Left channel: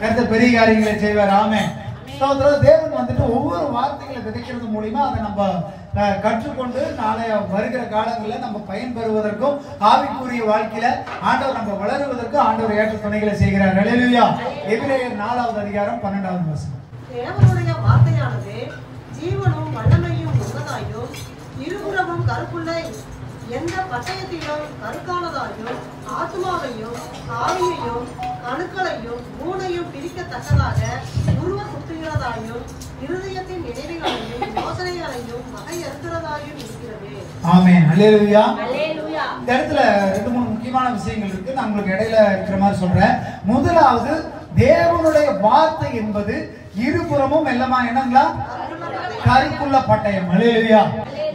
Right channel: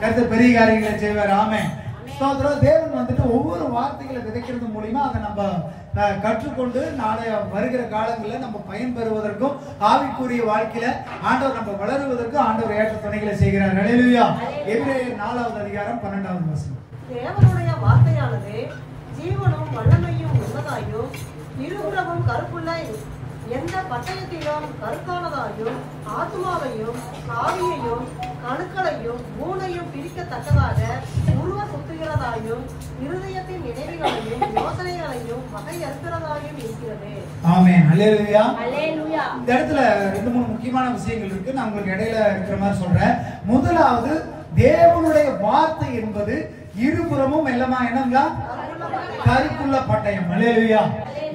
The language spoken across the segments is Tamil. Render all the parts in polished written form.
கர்த்தர் பெரிய காரியங்களை செய்வார். ஆமென். சகோதரர், தேவன் வந்துட்டு ஒவ்வொரு வார்த்தைகளை விதைக்கிறது மூலியமா அதை நம்ம கற்றுக்கொண்டு நாளைய வருகிற காலங்களில் நம்ம பயன்பெறுவதற்கும் ஆவிக்குரிய வாழ்க்கையில ஆண்டவர் நம்ம வளருவதற்கும் ஆண்டவர் ஏற்ற துணைகளை செய்கிறார். ஹல்லேலூயா. எபிரேயர் 4வது அதிகாரம் 12வது வசனம். தேவனுடைய வார்த்தையானது ஜீவனும் வல்லமையும் உள்ளதாயும் இருபுறமும் கருப்புள்ள எந்த பட்டயத்திலும் கருக்கானதாயும் ஆத்மாவையும் ஆவியையும் கணுக்களையும் ஊனையும் பிரிக்கத்தக்கதாக உருவ குத்துகிறதாயும் இருதயத்தின் நினைவுகளையும் யோசனைகளையும் வகையறுக்கிறதாயும் இருக்கிறது. ஆமென். ஹல்லேலூயா. இந்த இடத்துல 2-3 முக்கியமான விஷயங்கள் இருக்கு. நான் உங்களுக்கு இடையில இருக்கிற மாதிரி சொல்றேன். முதலாவது, தேவனுடைய வார்த்தை என்பது இருபுறமும் எல்லாமா என்னங்களா? கருக்குள்ள பட்டயம். ஹல்லேலூயா.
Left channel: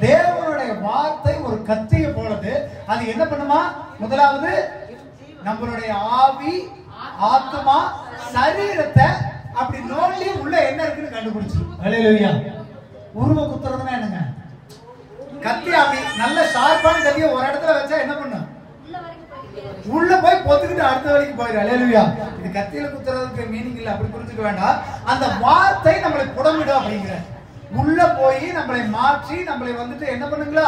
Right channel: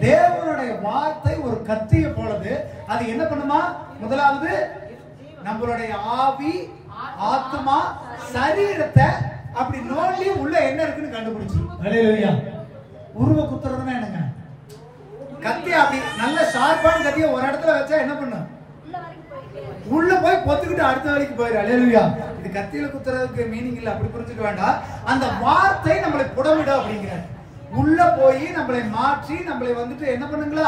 தேவனுடைய வார்த்தை ஒரு கத்தியை போலது. அது என்ன பண்ணுமா? முதலாவது நம்மளுடைய ஆவி, ஆத்மா, சரீரத்தை அப்படி நோண்டி உள்ள என்ன இருக்குன்னு கண்டுபிடிச்சு. ஹல்லேலூயா. உருவ குத்துறதுன்னா என்னங்க? கத்தி அப்படி நல்ல ஷார்ப்பான கத்தியை ஒரு இடத்துல வச்சா என்ன பண்ணும்? உள்ள போய் பொத்துக்கிட்டு அடுத்த வழிக்கு போயிரு. ஹல்லேலூயா. இது கத்தியில குத்துறதுக்கு மீனிங் இல்ல, அப்படி புரிஞ்சுக்க வேண்டாம். அந்த வார்த்தை நம்மளை புடமிடும் அப்படிங்கிற உள்ள போய் நம்மளை மாற்றி நம்மளை வந்துட்டு என்ன பண்ணுங்களா?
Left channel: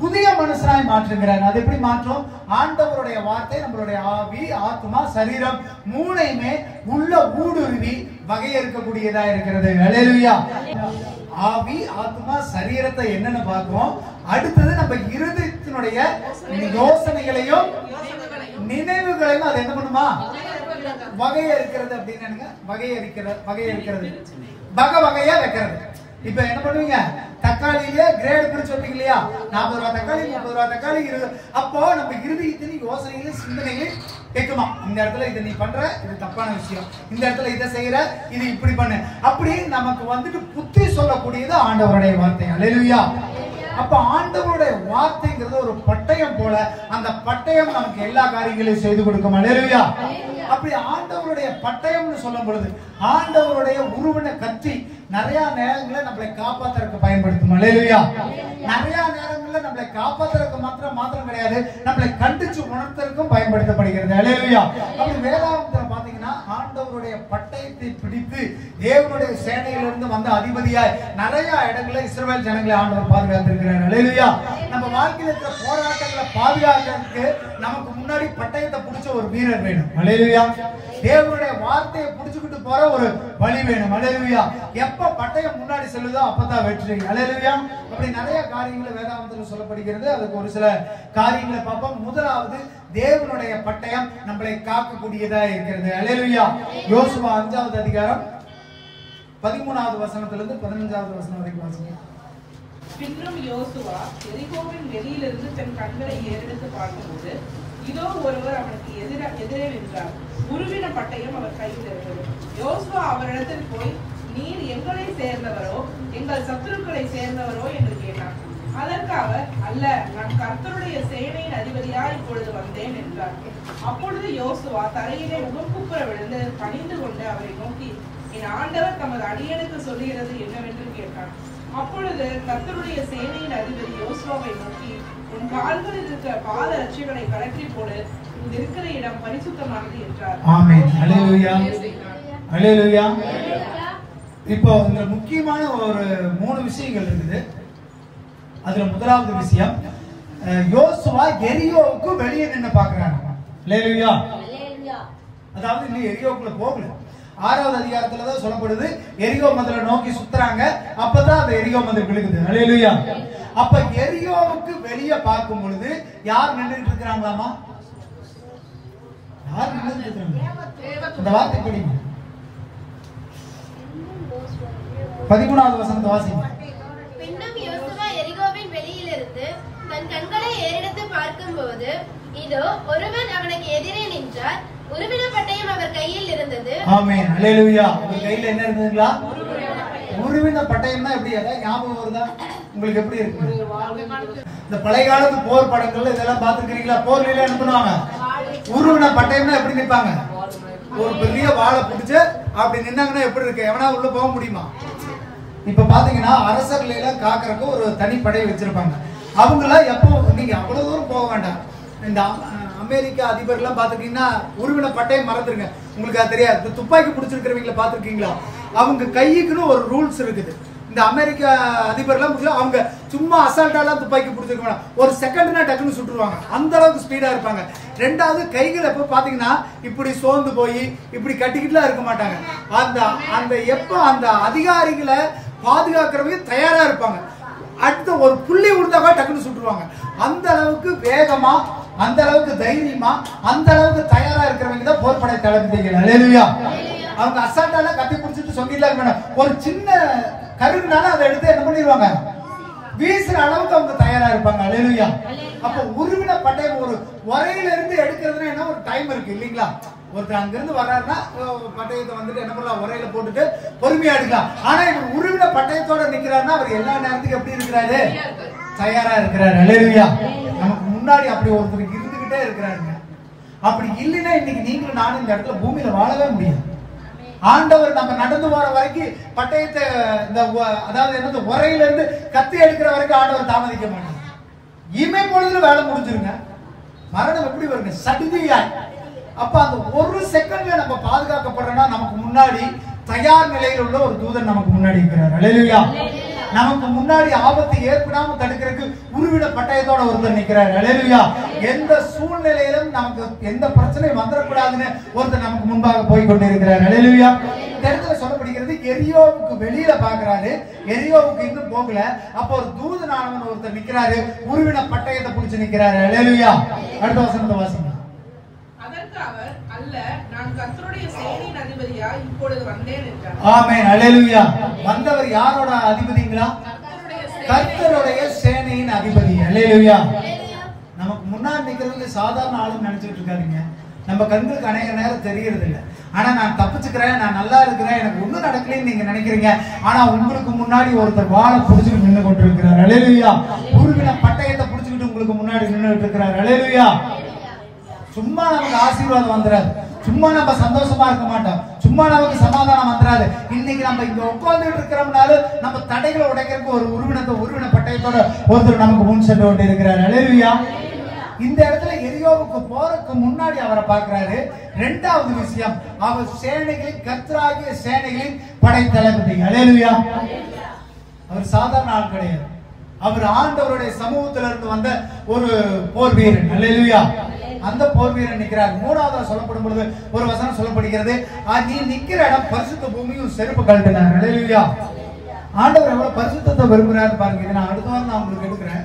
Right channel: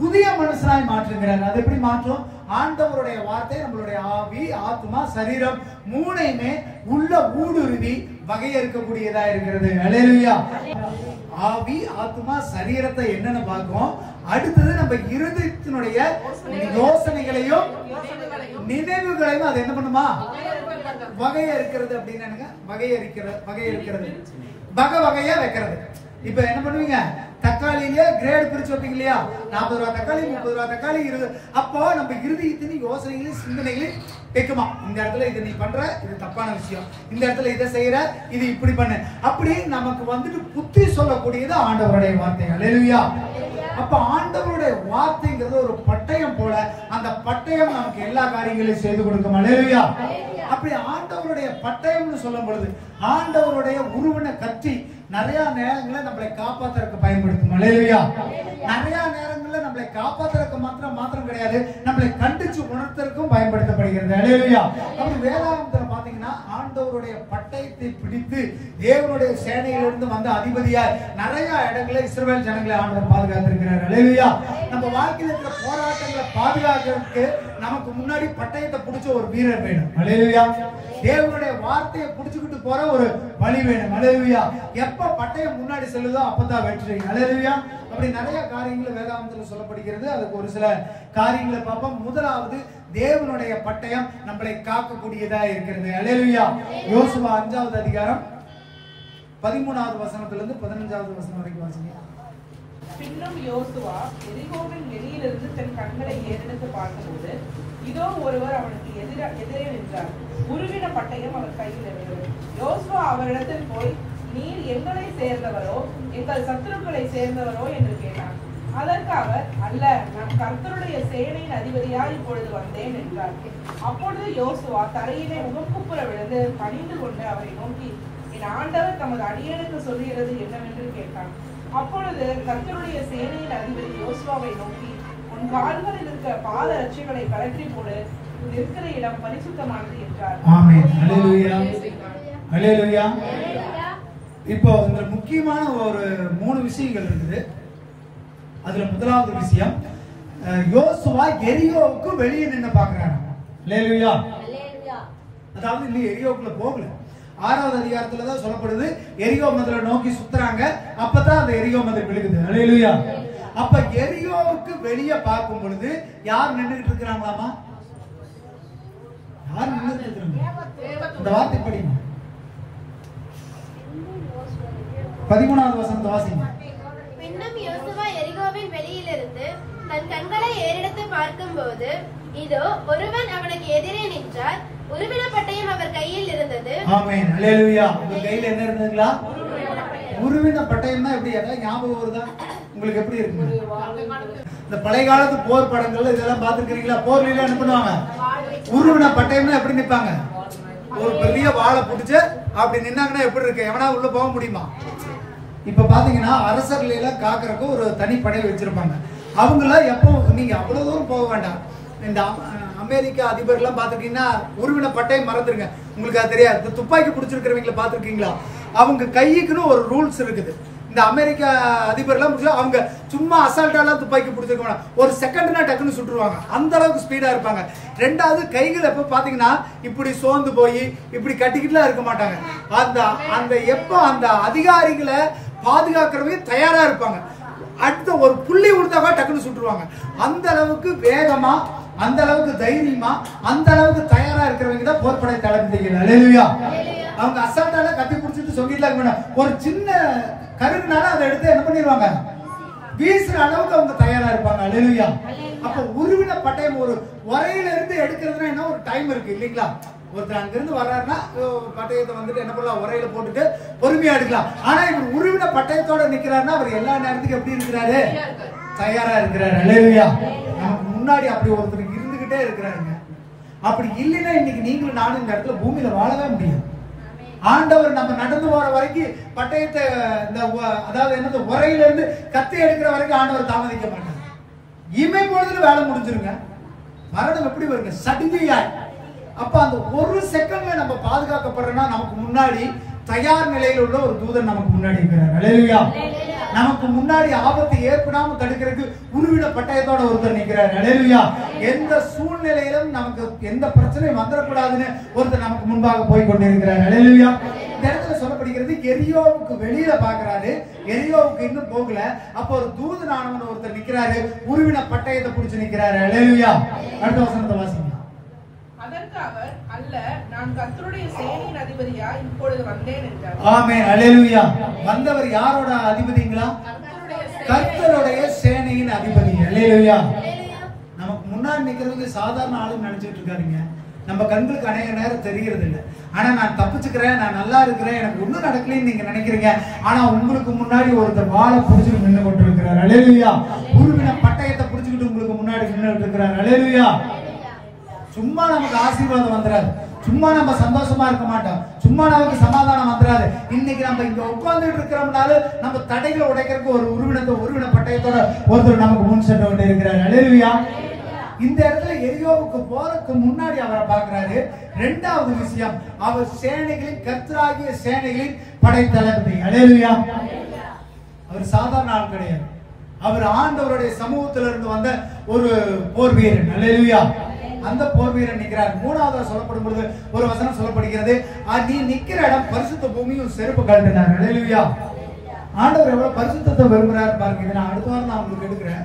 புதிய மனுஷனாய் மாற்றுகிறார். அது எப்படி மாற்றும்? ஆண்டவருடைய வார்த்தை நம்மளுடைய ஆவி, ஆத்மா, சரீரம் மூணையுமே உள்ள ஊடுருவி வகையறுக்கக்கூடியதா இருக்கிறது. ஹல்லேலூயா. ஆவி, ஆத்மா, சரீரத்தை என்னன்னு பார்க்கிறோம். அடுத்தது நம்ம இருதயத்தினுடைய யோசனைகளையும் நினைவுகளையும் அது என்ன பண்ணுமா? வகையறுக்கிறது. அப்படின்னு வகையறுக்கிறது வகையா வைக்கிறது. இப்ப என்ன பண்ணுவீங்க? தக்காளியிலே கிரேட் பிரிச்சு வைப்பீங்க இல்லையா? 40 ரூபாய் தக்காளி, 30 ரூபாய் தக்காளி, 20. அப்போ நம்ம இருதயத்தின் யோசனைகளையும் சிந்தனைகளையும் வைக்குமா? இந்த இடத்துல இதை நீ பண்ற, இது தப்பான விஷயம். இந்த இடத்துல இதை செய்யற, இது இப்படி பண்ணு. அப்படி நமக்கு வந்துட்டு புத்தி சொல்லக்கூடியது ஆண்டவருடைய வார்த்தை. ஹல்லேலூயா. அப்ப ஆண்டவருடைய வார்த்தைங்கிறது ஒரு பட்டயம் போல. அந்த பட்டயம் நமக்கு எல்லா காரியங்களையும் செய்து கொடுக்கும். ஹல்லேலூயா. அப்படி ஆண்டவருடைய பட்டயம்னு சொல்லும் பொழுது ஆண்டவருடைய உருவின கத்தி நிறைய நேரங்களில் நம்மளை காப்பாத்துறதுக்கு பயன்படுத்தும். ஹல்லேலூயா. நிறைய நேரங்களில் நம்மளை காப்பாத்துறதுக்கு மாத்திரம் கிடையாது, நம்மளை கண்டிச்சு உணர்த்தறதுக்கும் பயன்படுத்தப்படுகிறது. ஹல்லேலூயா. அப்படி வேதாகமத்துல பாத்தீங்கன்னா ஆண்டவருடைய பட்டயத்தை பிடித்து தேவனுடைய சேனையிலிருந்து வந்த அதிபதியாய் நிறைய இடங்களில் இஸ்ரவேல் ஜனங்களை ஆண்டவர் பாதுகாத்திருக்கிறார். ஹல்லேலூயா. நம்ம வாழ்க்கையில் இருக்கிற போராட்டங்களை பாதுகாக்கிறதுக்கு நமக்கு முன்னாடி பட்டயத்தை பிடிச்ச ஒரு வீரர் வேணும். ஹல்லேலூயா. தேவனுடைய வார்த்தையை பிடிச்சுக்கிட்டு போற ஒரு வழி வேணும். ஹல்லேலூயா. எப்ப பட்டயம் முன்னாடி செல்லுதோ அப்பதான் வெற்றி. ஹல்லேலூயா. அப்படி நிறைய காரியங்கள் வேதாகமத்தில் சொல்லப்படுகிறது. அதுக்கு ஒரு சில காரியங்களை பார்ப்போம். முதலாவது, தேவனுடைய பட்டயம் நம்மளை காக்கக்கூடியதா இருக்கிறது. ஹல்லேலூயா. யோசுவா 5வது அதிகாரம் 13வது வசனத்திலிருந்து 15வது வசனம் வரைக்கும் வாசிங்க. பின்னும் யோசுவா எரிகோவின் வெளியிலிருந்து தன் கண்களை ஏறெடுத்து பார்த்தபோது இதோ ஒருவர் அவனுக்கு எதிரே நின்றார். உருவின பட்டயம் அவர் கையில் இருந்தது. யோசுவா அவரிடத்தில் போய், நீர் எங்களை சேர்ந்தவரோ எங்கள் சத்துருக்களை சேர்ந்தவரோ என்று கேட்டார். அதற்காக, அல்ல, நான் கர்த்தருடைய சேனையின் அதிபதியாய் இப்பொழுது வந்தேன் என்றார். அப்பொழுது யோசுவா தரையிலே முகங்குப்புற விழுந்து பணிந்து கொண்டு அவரை நோக்கி, என் ஆண்டவர் தமது அடியனுக்கு சொல்லுகிறது என்னவென்று கேட்டார். அப்பொழுது கர்த்தருடைய சேனையின் அதிபதி யோசுவாவை நோக்கி, உன் கால்களில் இருக்கிற பாத ரட்சைகளை கலற்றி போடு, இருக்கிற இடம் பரிசுத்தமானது என்றார். ஆமென். ஹல்லேலூயா. ஹல்லேலூயா. இப்போ இந்த முக்கியமான ஒரு 3 விஷயங்கள் இருக்குது. அதுல முதலாவது விஷயம், யோசுவா எரியோவுக்கு வெளியே நின்று பாக்குறாங்க. ஹல்லேலூயா. அதாவது இன்னும் எரியோக்குள்ள போகல. 6வது அதிகாரத்துல தான் சொல்லப்படுது எரிகோ மதிலை நோக்கி சுத்துறாங்க. அப்பதான் அந்த எரிகோ மதில் விழுகுது. ஹல்லேலூயா. அப்ப எரியோவுக்கு வெளியே பார்க்கும் பொழுது யார் நின்றுட்டு இருக்கிறாங்களாமா? யார் நின்றுட்டு இருக்கிறாங்க? இந்த வார்த்தை படிங்க. 13வது வசனத்தை வாசிங்க. பின்னும் யோசுவா எரிகோவின் வெளியிலிருந்து தன் கண்களை ஏறெடுத்து பார்க்கும்போது இதோ ஒருவன் அவனுக்கு எதிரே நின்றார். உருவின பட்டயம் அவர் கையில் இருந்தது. ஆமென். ஹல்லேலூயா. உங்க கையில என்ன இருந்ததுங்களா? உருவின பட்டயம்னா எப்படி? அதாவது ஞாபகம் வருதா உங்களுக்கு? எப்படி இருக்கு? இந்த பழைய காலத்து போர் படங்கள்ல இதெல்லாம் பாத்துக்கிறீங்களா? போர்ல என்ன பண்ணுவாங்க? உருவின பட்டயம்னா எப்படி நிப்பாங்க? ஒரு பெரிய வாளை பிடிச்சு அப்படி நின்னாங்கன்னா எப்படி இருக்கு? எவனா உள்ள போக முடியுமா? இப்ப பாத்தீங்கன்னா அரசர்களை எல்லாம் காக்கறதுக்கு ஒரு தனி படை வச்சிருப்பாங்க. அவங்கள எப்போ நீங்க அவ்வளவு தூரம் போக வேண்டாம். இந்த அமெரிக்க அதிபர்லாம் பாத்துருக்கீங்கன்னா உருவின பட்டையை மறந்துருங்க, உங்களுக்கு அது தெரியாது. துப்பாக்கி பிடிச்சிருக்கிறவங்களை பாத்துருக்கீங்களா? அவங்க கைக்குன்னு ஒரு ரூல்ஸ் இருக்குது. இந்த அமெரிக்க அதிபர்லாம் அவங்க சும்மா அசால்ட்டாலாம் துப்பாக்கி பிடிச்சிருக்க மாட்டாங்க, ஒரு செகண்ட்னா டக்குன்னு சுட்டுருவாங்க, அந்த அளவுக்கு ஸ்பீடா இருப்பாங்க. ரெண்டாவது கைகளை எப்ப பாத்தீங்கன்னா இப்படி சோர்ந்து போய் இப்படி கட்டிக்கிட்டுலாம் இருக்க மாட்டாங்க. அந்த எப்ப அந்த அதிகாரிகளை பாதுகாக்கிறவங்க தயாரா இருப்பாங்க, அடுத்த ஒரு புள்ளி கொடுத்தாக்கா டக்குன்னு சுட்டுருவாங்க. அந்த அளவுக்கு வேகமா, அந்த அளவுக்கு தைரியமா, அந்த அளவுக்கு தயாரா இருக்கிறவங்க தான் போர்படை தளபதிகள். அல்லேலூயா. அவங்க அசால்ட்டால கத்தி பிடிச்சிட்டு சொல்லிட்டு இருக்க மாட்டாங்க, ஒரு சின்ன கருவினால அதை எடுத்து என்ன பண்ணிடுவாங்க, வீசுற அளவுக்கு அவங்க தயாரா இருப்பாங்க. அல்லேலூயா. அப்ப உருவின பட்டயம் ஒரு உரையில இருந்து எடுக்கிறதுனா என்ன ஒரு டைம் இருக்கு இல்லீங்களா? ஒருத்தர் அங்கிருந்து வர்றாருன்னா பட்டயத்தை வந்துட்டு என்ன பண்ணலாம், உரையில போட்டுட்டு பொறுமையா எடுக்கலாம். ஆனா இவர் உருவின பட்டயத்தோட நிக்கிறாருன்னா அவர் எல்லா நேரத்துக்கும் எப்படி இருக்கிறாரு, தயாரா இருக்கிறாரு. அல்லேலூயா. நமக்கு முன்னாடி அப்படி ஒருத்தர் இருந்துகிட்டே இருக்கிறாருங்க. அப்படி இல்லைன்னா இன்னைக்கு நீங்களும் நானும் இந்த இடத்துல பூமியில வாழவே முடியும். ஆண்டவர் நம்ம நடந்து போற வரைக்கும் பட்டயத்தை அதாவது என்னது உரையில இருந்து கத்தி எடுக்கிற வரைக்கும் ஆண்டவர் தாமதிக்க மாட்டார். இமை பொழுதுல வேலை முடிஞ்சிருங்க. மரணம் எப்படி வருங்க, சடிதியாய். அப்ப அந்த ஒரு செகண்ட்ல நம்ம பாதுகாக்கப்படுறோம்னா நமக்கு முன்னாடி தயார் நிலையில் உள்ள ஒரு தூதன் நமக்கு முன்னாடி இருக்கிறார். அல்லேலூயா. நமக்கு முன்னாடி ஆபத்து ஏற்படாம தடுக்கிறதுக்கு உருவின பட்டயத்தோட ஒருத்தர் நிற்கிறார். அல்லேலூயா. எந்த சூழ்நிலையிலும் நமக்கு எந்த பிரச்சனையும் வந்துடக்கூடாதுன்னு ஒருத்தர் நமக்கு முன்பாக போய் கொண்டிருக்கிறார். அல்லேலூயா. இந்த இடத்துல சொல்லப்படுகிறது எரியோவுக்கு வெளியில பாக்குறாரு, எரியோவுக்கு இன்னும் போகல. அப்ப ஒரு தூதனானவன் ஒருத்தர் நிக்கிறாரு, உருவின பட்டயத்தை பிடிச்சு நிக்கிறாரு. அல்லேலூயா. அடுத்த வசனத்தை வாசிங்க. அதற்கு அவர், அல்ல, நான் கர்த்தருடைய சேனையின் அதிபதியா இப்பொழுது வந்தேன் என்றார். ஆமென். அல்லேலூயா. வந்தவர் யாரோட அதிபதிங்களா? கர்த்தருடைய சேனையின் அதிபதி. அல்லேலூயா. நமக்கு முன்னாடி நிக்கிறவங்க சாதாரண ஆளுன்னு நினைச்சிட்டு இருக்காதீங்க. நம்ம கண்களுக்கு அநேக நேரம் தெரியறது இல்லை. ஆனா நான் தப்பிச்சுக்கிறேன், நான் நல்லா இருக்கிறேன், எனக்கு ஒண்ணும் நடக்கலன்னு நீங்க நினைக்கிறீங்க. ஆனா உங்களுக்கு முன்னாடி ஒருத்தர் வாழை புடிச்சுட்டு நின்று கொண்டு இருக்கிறார். அல்லேலூயா. உருவின பட்டயத்தை புடிச்சுக்கிட்டு உங்களுக்கு முன்னாடி நின்றுட்டு இருக்கிறார். அல்லேலூயா. சும்மா நமக்கு ஆசீர்வாதம் வந்துடாது, சும்மா நம்ம சந்தோஷமா இருக்க மாட்டோம், சும்மா நமக்கு சமாதானம் வந்துடாது. இன்னைக்கு நம்ம இங்க உட்கார்ந்துட்டு இருக்கிறோம்னால நம்ம தடைகளை உடைக்கிறதுக்கு ஒரு உருவின பட்டயத்தோட ஒருத்தர் நமக்கு முன் சென்று கொண்டு இருக்கிறார். அல்லேலூயா. இந்த இடத்துல எரியோவுக்கு போறதுக்கு முன்னாடி அவரை பார்க்கிறாரு. இரண்டாவது விஷயம், அவர் சேனைகளின் கர்த்தராகிய சேனைகளின் படை தளபதி. அல்லேலூயா. அவர் சாதாரண ஆள் கிடையாது, அவர் ஆண்டவருடைய சமூகத்திலிருந்து இருந்து வந்த ஒரு போர் வீரன். அல்லேலூயா. அந்த போர் வீரன் நிற்கிறார். மூணாவது சொல்லப்படும் பொழுது ஒரு வசனம் சொல்லப்படுகிறது, நீ நிக்கிற இடம் பரிசுத்த பூமியும் செருப்பு கழட்டினார். அல்லேலூயா. ஆண்டவர் எவ்வளவு பரிசுத்தத்தை விரும்புறாரு பாருங்க. நான் அடுத்த வாரம் நான் உங்களுக்கு எடுக்கிறேன்,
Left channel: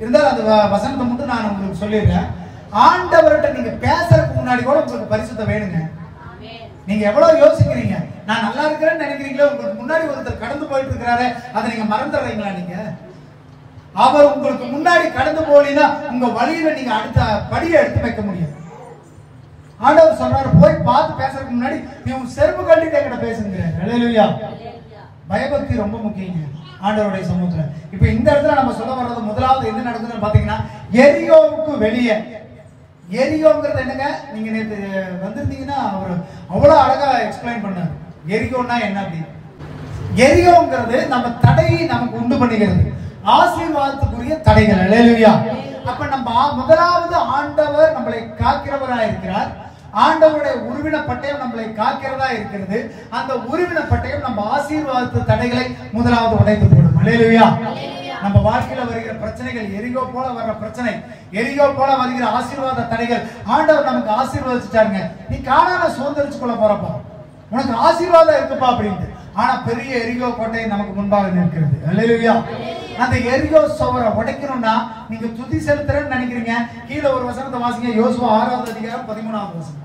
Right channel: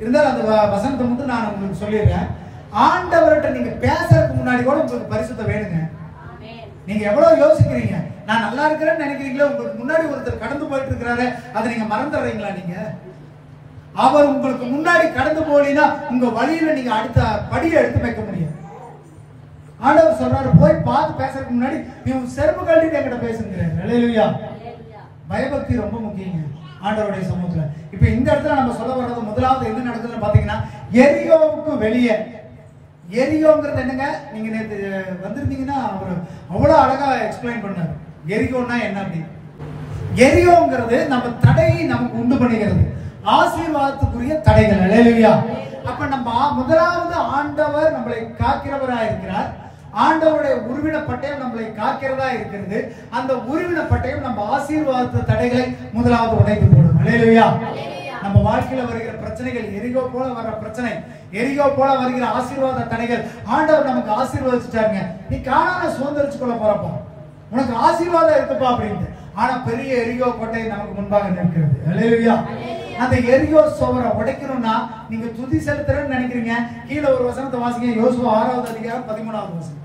இருந்தாலும் அந்த வசனத்தை மட்டும் நான் உங்களுக்கு சொல்லிடுறேன். ஆண்டவர்கிட்ட நீங்க பேசுறதுக்கு முன்னாடி கூட உங்களுக்கு பரிசுத்தம் வேணுங்க. நீங்க எவ்வளவு யோசிக்கிறீங்க, நான் நல்லா இருக்கிறேன்னு நினைக்கிறீங்களோ, உங்களுக்கு முன்னாடி ஒருத்தர் கடந்து போயிட்டு இருக்கிறாரு, அதை நீங்க மறந்துடுறீங்களா? நீங்க அவர் உங்களுக்கு முன்னாடி கடந்து போனீங்கன்னா உங்க வழியில நீங்க அடுத்த படியை எடுத்து வைக்க முடியும். ஆண்டவர் சொல்றாரு, போய் பார்த்து பேசுறதுக்கு முன்னாடி நீ உன் செருப்பு கழட்டிட்டு என்கிட்ட பேசுங்கிறார். அல்லேலூயா. பயபக்தி ரொம்ப முக்கியங்க ஆண்டவருடைய சமூகத்துல. இப்ப இந்த இடத்துல நம்ம சொல்ல வர்றது முதலாவது என்ன நடக்குதுன்னு பாத்தீங்கன்னா, எரியோவுக்கு வெளியே. எரியோங்கிறது என்னங்க, நீங்க நேற்று வந்திருந்தீங்கன்னா அவர் அவ்வளவு அழகா எக்ஸ்பிளைன் பண்ணார் எரியோன்னா என்ன அப்படின்னு. எரியோங்கிறது நம்ம தடையை நமக்கு உண்டு பண்ணுகிறது, ஆசீர்வாதத்துக்குரிய தடைகள். அல்லேலூயா. அப்ப நம்ம முதலாவது ஆண்டவர் நம்மளை காக்கிறவரா இருக்கிறார். ஆண்டவருடைய உருவின பட்டயம் நம்மளை காக்கிறதா இருக்கிறது. அந்த உருவின பட்டயம் நம்ம ஆசீர்வாதத்து தடைகளை முதலாவது உடைத்து போடும். அல்லேலூயா. நம்ம வாழ்க்கையில வருகிற பிரச்சனைகள், எரிகோ போல வர்ற பிரச்சனை, எரிகோ போல வருகிற ஆசீர்வாத தடைகள், ஆண்டவர் நமக்கு ஆசீர்வதிச்சுட்டாருங்க. நீ காணாம சுதந்திரிச்சு கொள்ள போறப்பா, உனக்கு ஆசீர்வாதம் இருக்குப்பா அப்படின்ட்டு. ஆனா பெரிய எரிகோ கோட்டை நமக்கு முன்பாக நிற்கிறது. அல்லேலூயா. அந்த எரிகோ சுவரை உடைக்கணும்னா நீங்க துதி செலுத்துறேன்னு நினைக்கிறீங்க. கீழே ஒரு வசனத்தை வாசிங்க, யோசுவா 6வது அதிகாரம் 13வது வசனம்.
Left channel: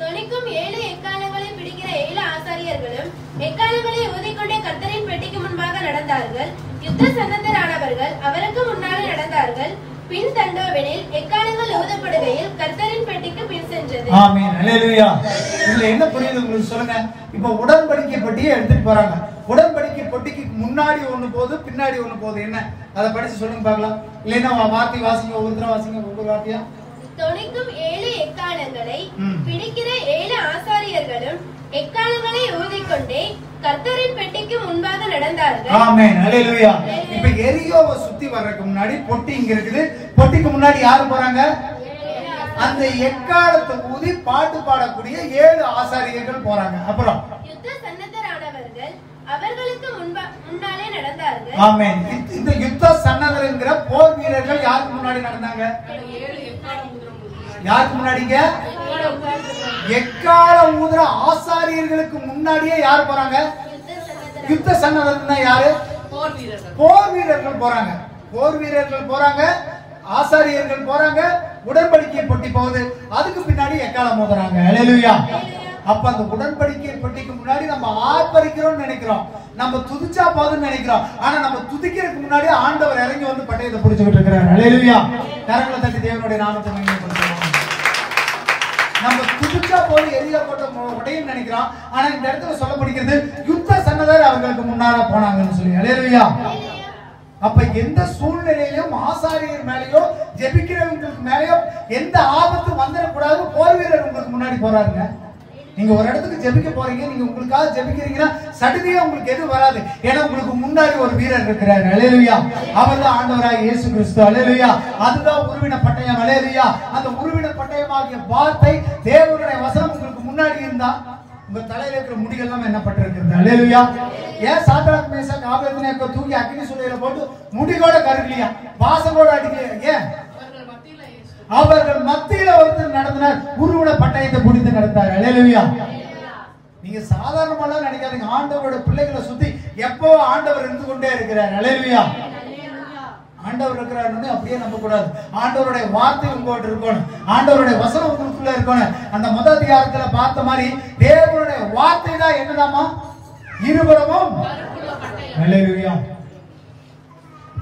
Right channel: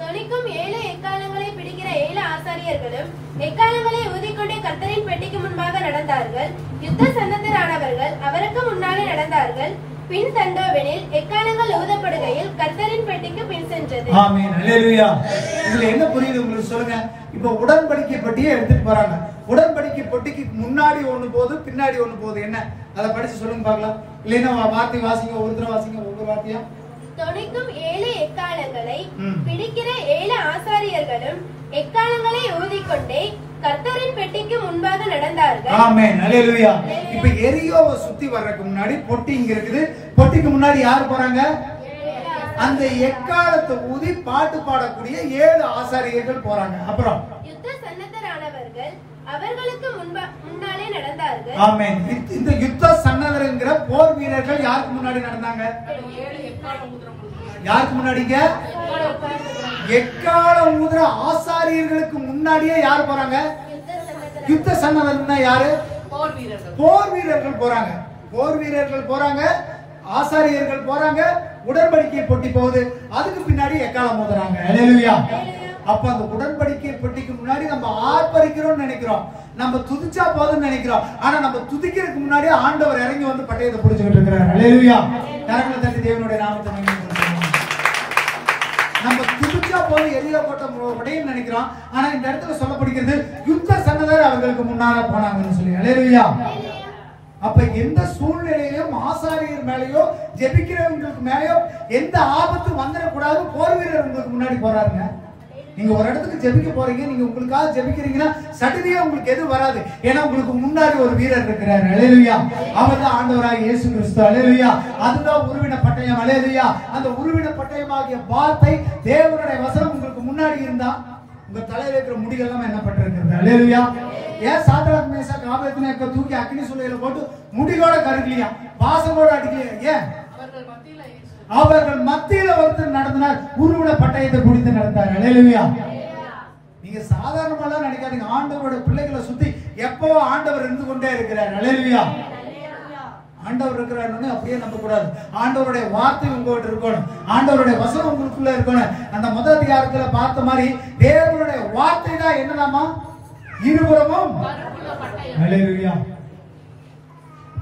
தொனிக்கும் 7 எக்காலங்களை பிடிக்கிற 7 ஆசாரியர்களும் எக்காலங்களை ஊதிக்கொண்டே கர்த்தரின் பெட்டிக்கு முன்பாக நடந்தார்கள். யுத்த சன்னதரானவர்கள் அவருக்கு முன்னாலே நடந்தார்கள். பின் தண்டோவெனில் எக்காலங்கள் ஊதப்படுகையில் கர்த்தரின் பெட்டிக்கு பின் சென்றது. ஆமென். அல்லேலூயா. இதுல என்ன புரியுது உங்களுக்கு சொல்லுங்க. இப்ப உடன்படிக்கை பெட்டியை எடுத்துட்டு போறாங்க. உடன்படிக்கை பெட்டிக்கு முன்னாடி ஒண்ணு போகுது, பின்னாடி ஒண்ணு போகுது. என்ன அதை படிச்சு சொல்லுங்க பார்க்கலாம். இல்லைன்னா வார்த்தை வாசிங்க, ஒரு தடவை வாசிங்க, ஒவ்வொரு வார்த்தையா. தொனிக்கும் 7 எக்காலங்களை பிடிக்கிற 7 ஆசாரியர்களும் எக்காலங்களை ஊதிக்கொண்டே கர்த்தரின் பெட்டிக்கு முன்பாக நடந்தார்கள். ஆமென், அல்லேலூயா. இப்ப எரியோவை சுத்தி வர்றதுக்கு முன்னாடி பொட்டி இங்க இருக்குது. பொட்டிக்கு முன்னாடி யாரு போறாங்க? அந்த எக்காலத்தை ஊதி பாட்டு பாடக்கூடிய 7 ஆசாரியர்கள் போறாங்க. அப்புறம் யுத்த சன்னதரானவர்கள் அவர்களுக்கு முன்னாலே நடந்தார்கள். ஆமென். இந்த யுத்த சன்னதர்ங்கிற போர் வீரர்கள் யாருக்கு முன்னாடி நடந்தாங்க? யாருக்கு முன்னாடிங்க? எக்காலம் ஊதுற ஆசாரியர்களுக்கு முன்னாடியே யாரு போறாங்க? யுத்த சன்னதர்னா யாரு? போர் வீரர்கள் போறாங்க. போர் வீரர்கள் போறாங்க, ஆசாரியர்கள் போறாங்க, உடன்படிக்கை பொட்டி போகுது, அதுக்கு பின்னாடி எக்காலம் ஊதுறாங்க. அல்லேலூயா. அப்ப அந்த உடன்படிக்கை பொட்டிக்கு முன்னாடி நம்ம ஆர்ப்பரிக்கிறோம்னு நினைக்கிறோம், நம்ம துதிச்சா போதும்னு நினைக்கிறோம். ஆனா நம்ம துதிக்கிறதுக்கு முன்னாடி ஆண்டவர் இறங்கி வந்து பட்டயத்தை பிடிச்சிட்டு இருக்கிறார். அல்லேலூயா. கரங்களை தட்டி தேவனுடைய நாமத்தை மகிமைப்படுத்துவோம். நம்ம துதிச்சா போது எரியா போட்ட உடையும் நினைக்கிறோம். ஆனா இந்த இடத்துல சொல்லப்படுகிறது யுத்த சன்னதர் அவர்களுக்கு முன்னால போனாங்கன்னு சொல்லி. அல்லேலூயா. அப்ப எந்த சூழ்நிலையிலும் ஆசாரியர் மேலயோ ஜெபிக்கிறவங்களுக்கு மேலயோ எந்த ஆபத்து வந்துடக்கூடாது. போர் வீரர் உங்களுக்கு முன்னாடி போறாருங்க. நீங்க ஒரு இடத்துக்கு ஜெபிக்க போறீங்க, நீங்க உங்களுக்காக ஜெபிக்கிறீங்கன்னா சடனே உங்களுக்கு எது வராது. ஏன்னா உங்களுக்கு முன்னாடி ஒரு வீரர் இருக்கிறார். அல்லேலூயா. அவர்தான் ஆண்டவராகிய இயேசு கிறிஸ்து. அல்லேலூயா. அதுதான் உருவின பட்டயம். அல்லேலூயா. அந்த உருவின பட்டயமாகிய வார்த்தை தேவனுடைய வசனம் உங்களுக்கு முன்னாடி இருந்தா உங்க தலையில இருக்கிற முடிகள் எல்லாம் என்ன பட்டிருக்கிறது. அல்லேலூயா. ஏன் சாத்ராக் மேஷாக் ஆபேத்நேகோ தூக்கி அக்கினி சூளையில போட்டு முடிகோட கருகலையா, வாசலோட அடிக்கலையா? ஏன்? அவர்கள் மத்தியில ஒருத்தர் நடத்தினார், உருவின பட்டயத்தை பிடித்து நடத்தார். அல்லேலூயா. நீங்க சாதாரணமா நினைக்காதீங்க. ஆண்டவரோட பிள்ளைகளை சுத்தி எப்போ ஆண்டவர் இருந்து கொண்டே இருக்கிறார். அல்லேலூயா. ஆண்டவர் இருக்கிறாருன்னு அப்படியே நம்ப கூடாது. ஆண்டவருடைய வார்த்தை உங்ககிட்ட இருக்கணும், ஆண்டவருடைய வசனம் உங்களுக்குள்ள இருக்கணும். அந்த முதல் அதிகாரத்துல பார்த்த மாதிரி தேவனுடைய வார்த்தை தான் என்னதாமா? இருபுறமும். அல்லேலூயா.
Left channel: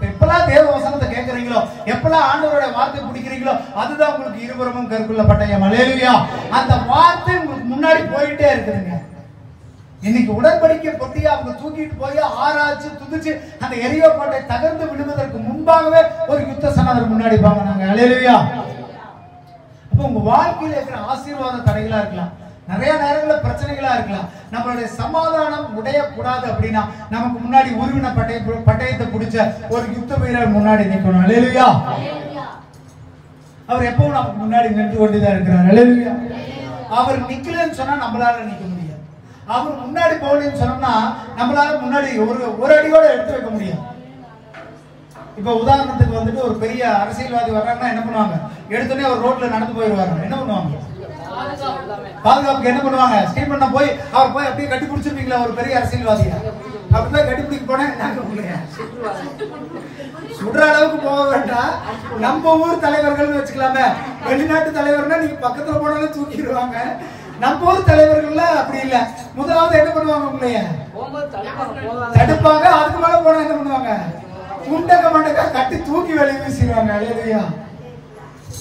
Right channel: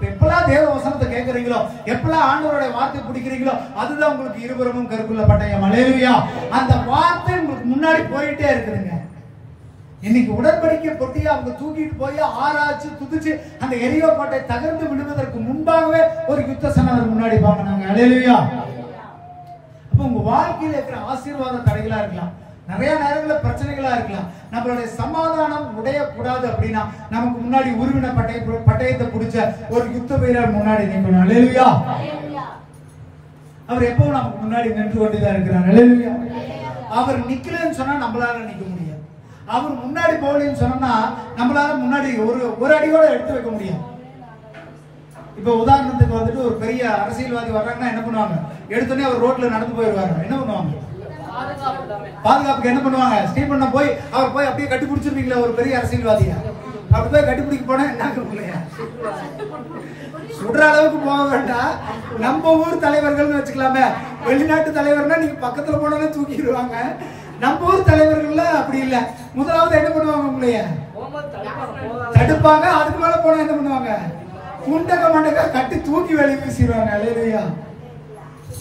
எப்பெல்லாம் தேவ வசனத்தை கேட்கறீங்களோ, எப்பெல்லாம் ஆண்டவருடைய வார்த்தை பிடிக்கிறீங்களோ, அதுதான் உங்களுக்கு இருபுறமும் கருக்குள்ள பட்டயம். அல்லேலூயா. அந்த வார்த்தை உங்களுக்கு முன்னாடி போயிட்டே இருக்குதுங்க. இன்னைக்கு உடன்படிக்கை பொட்டியை அவங்க தூக்கிட்டு போய் ஆராய்ச்சி துதிச்சு அந்த எரியோ கோட்டை தகர்ந்து விடுவதற்கு முன்பாகவே ஒரு யுத்த சன்னதர் முன்னாடி பாங்க. அல்லேலூயா. அப்ப உங்க வாழ்க்கையில இருக்கிற ஆசீர்வாத தடைகளா இருக்கலாம், நிறைய நேரங்களில் பிரச்சனைகளா இருக்கலாம். நம்மளுடைய சமாதானம் உடையக்கூடாது அப்படின்னா நமக்கு முன்னாடி உருவின பட்டயத்தை பிடிச்ச ஒரு யுத்த வீரர் முன்னாடி நிற்கணும். அல்லேலூயா. அவர் எப்பவும் நமக்கு முன்னாடி நின்று கொண்டுதான் இருக்கிறார். அல்லேலூயா. அவர் நிக்கலன்னு சொன்னா நம்மளால நிக்க முடியாது. அவர் முன்னாடி போகலன்னு சொன்னா நம்மளால முன்னாடி ஒரு அடியோட எடுத்து வைக்க முடியும். இப்ப உதாரணத்துக்கு வந்துட்டு ஒரு பெரிய அரசியல்வாதி வர்றாங்கன்னா என்ன பண்ணுவாங்க? எடுத்தோடனே அவர் ரோட்ல நடந்து போயிடுவாங்க. என்ன பண்ணுவாங்க? பாதுகாப்புக்கு என்ன பண்ணுவாங்க? ஸ்டீபன் போய் அவர் போய் அப்படியே கட்டி பிடிச்சிருப்பீங்களா? ஒரு பெரிய அரசியல்வாதியா அப்படி போய் கட்டி பிடிக்க போனா என்ன சுடுற அளவுக்கு போக வேண்டாம். நம்ம ஊர் தலைவர்கள் வச்சுக்கலாமே. வெளிநாட்டு தலைவர்னா நீங்க பக்கத்துல போனாலும் தூக்கிடுவாங்க. நம்ம ஊர் தலைவர்கள் அப்படி இல்ல. முதலாவது என்ன பண்ணுவாங்க? உங்களைய தடுப்பாங்க. அதுக்கு மேல போனா என்ன பண்ணுவாங்க? முண்டக மண்டக கட்டி தூக்கி வெளியே வீசிடுவாங்க. அல்லேலூயா.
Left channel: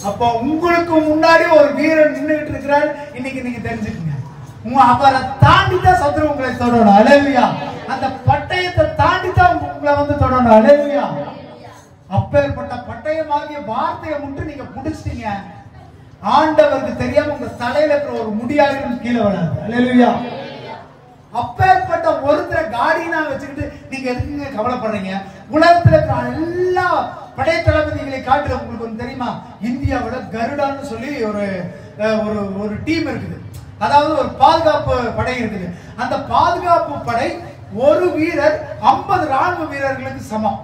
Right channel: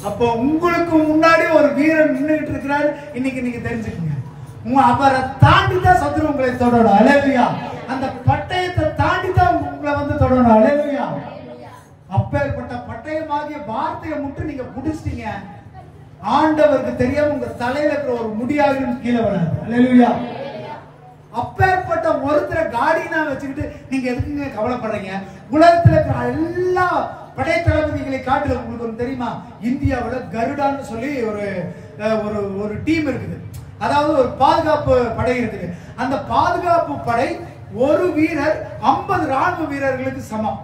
அப்போ உங்களுக்கு முன்னாடி ஒரு வீரன் நின்றுட்டு இருக்கிறாரு. இன்னைக்கு நீங்க தெரிஞ்சுக்கங்க. அவரை தாண்டி தான் சத்துரு உங்களை தொடரும். அல்லேலூயா. அந்த பட்டயத்தை தாண்டி தான் உங்களை வந்து தொடரும். அல்லேலூயா. அப்பேற்பட்ட பட்டயமாகிய வார்த்தையை முற்று நீங்க புடிச்சிட்டீங்க, ஆண்டவருக்கு தெரியாம உங்க தலையில இருக்கிற ஒரு முடியாவிலும் கீழே வராது. அல்லேலூயா. அப்பேற்பட்ட ஒருத்தரை காடினா வச்சுக்கிட்டு நீங்க எதுக்குங்க கவலைப்படுறீங்க? உலகத்துல இருக்கிற எல்லா படை தளபதிகளை காட்டுல உங்களுக்கு ஒன்று தெரியுமா? இந்தியாவோட கருடான்னு சொல்லி ஒரு டீம் இருக்குது. அதாவது ஒரு பாதுகாப்பு படை இருக்குது. அந்த பாதுகாப்பு படை ஒரு வீரர் 50 ராணுவ வீரர்களுக்கு சமம்.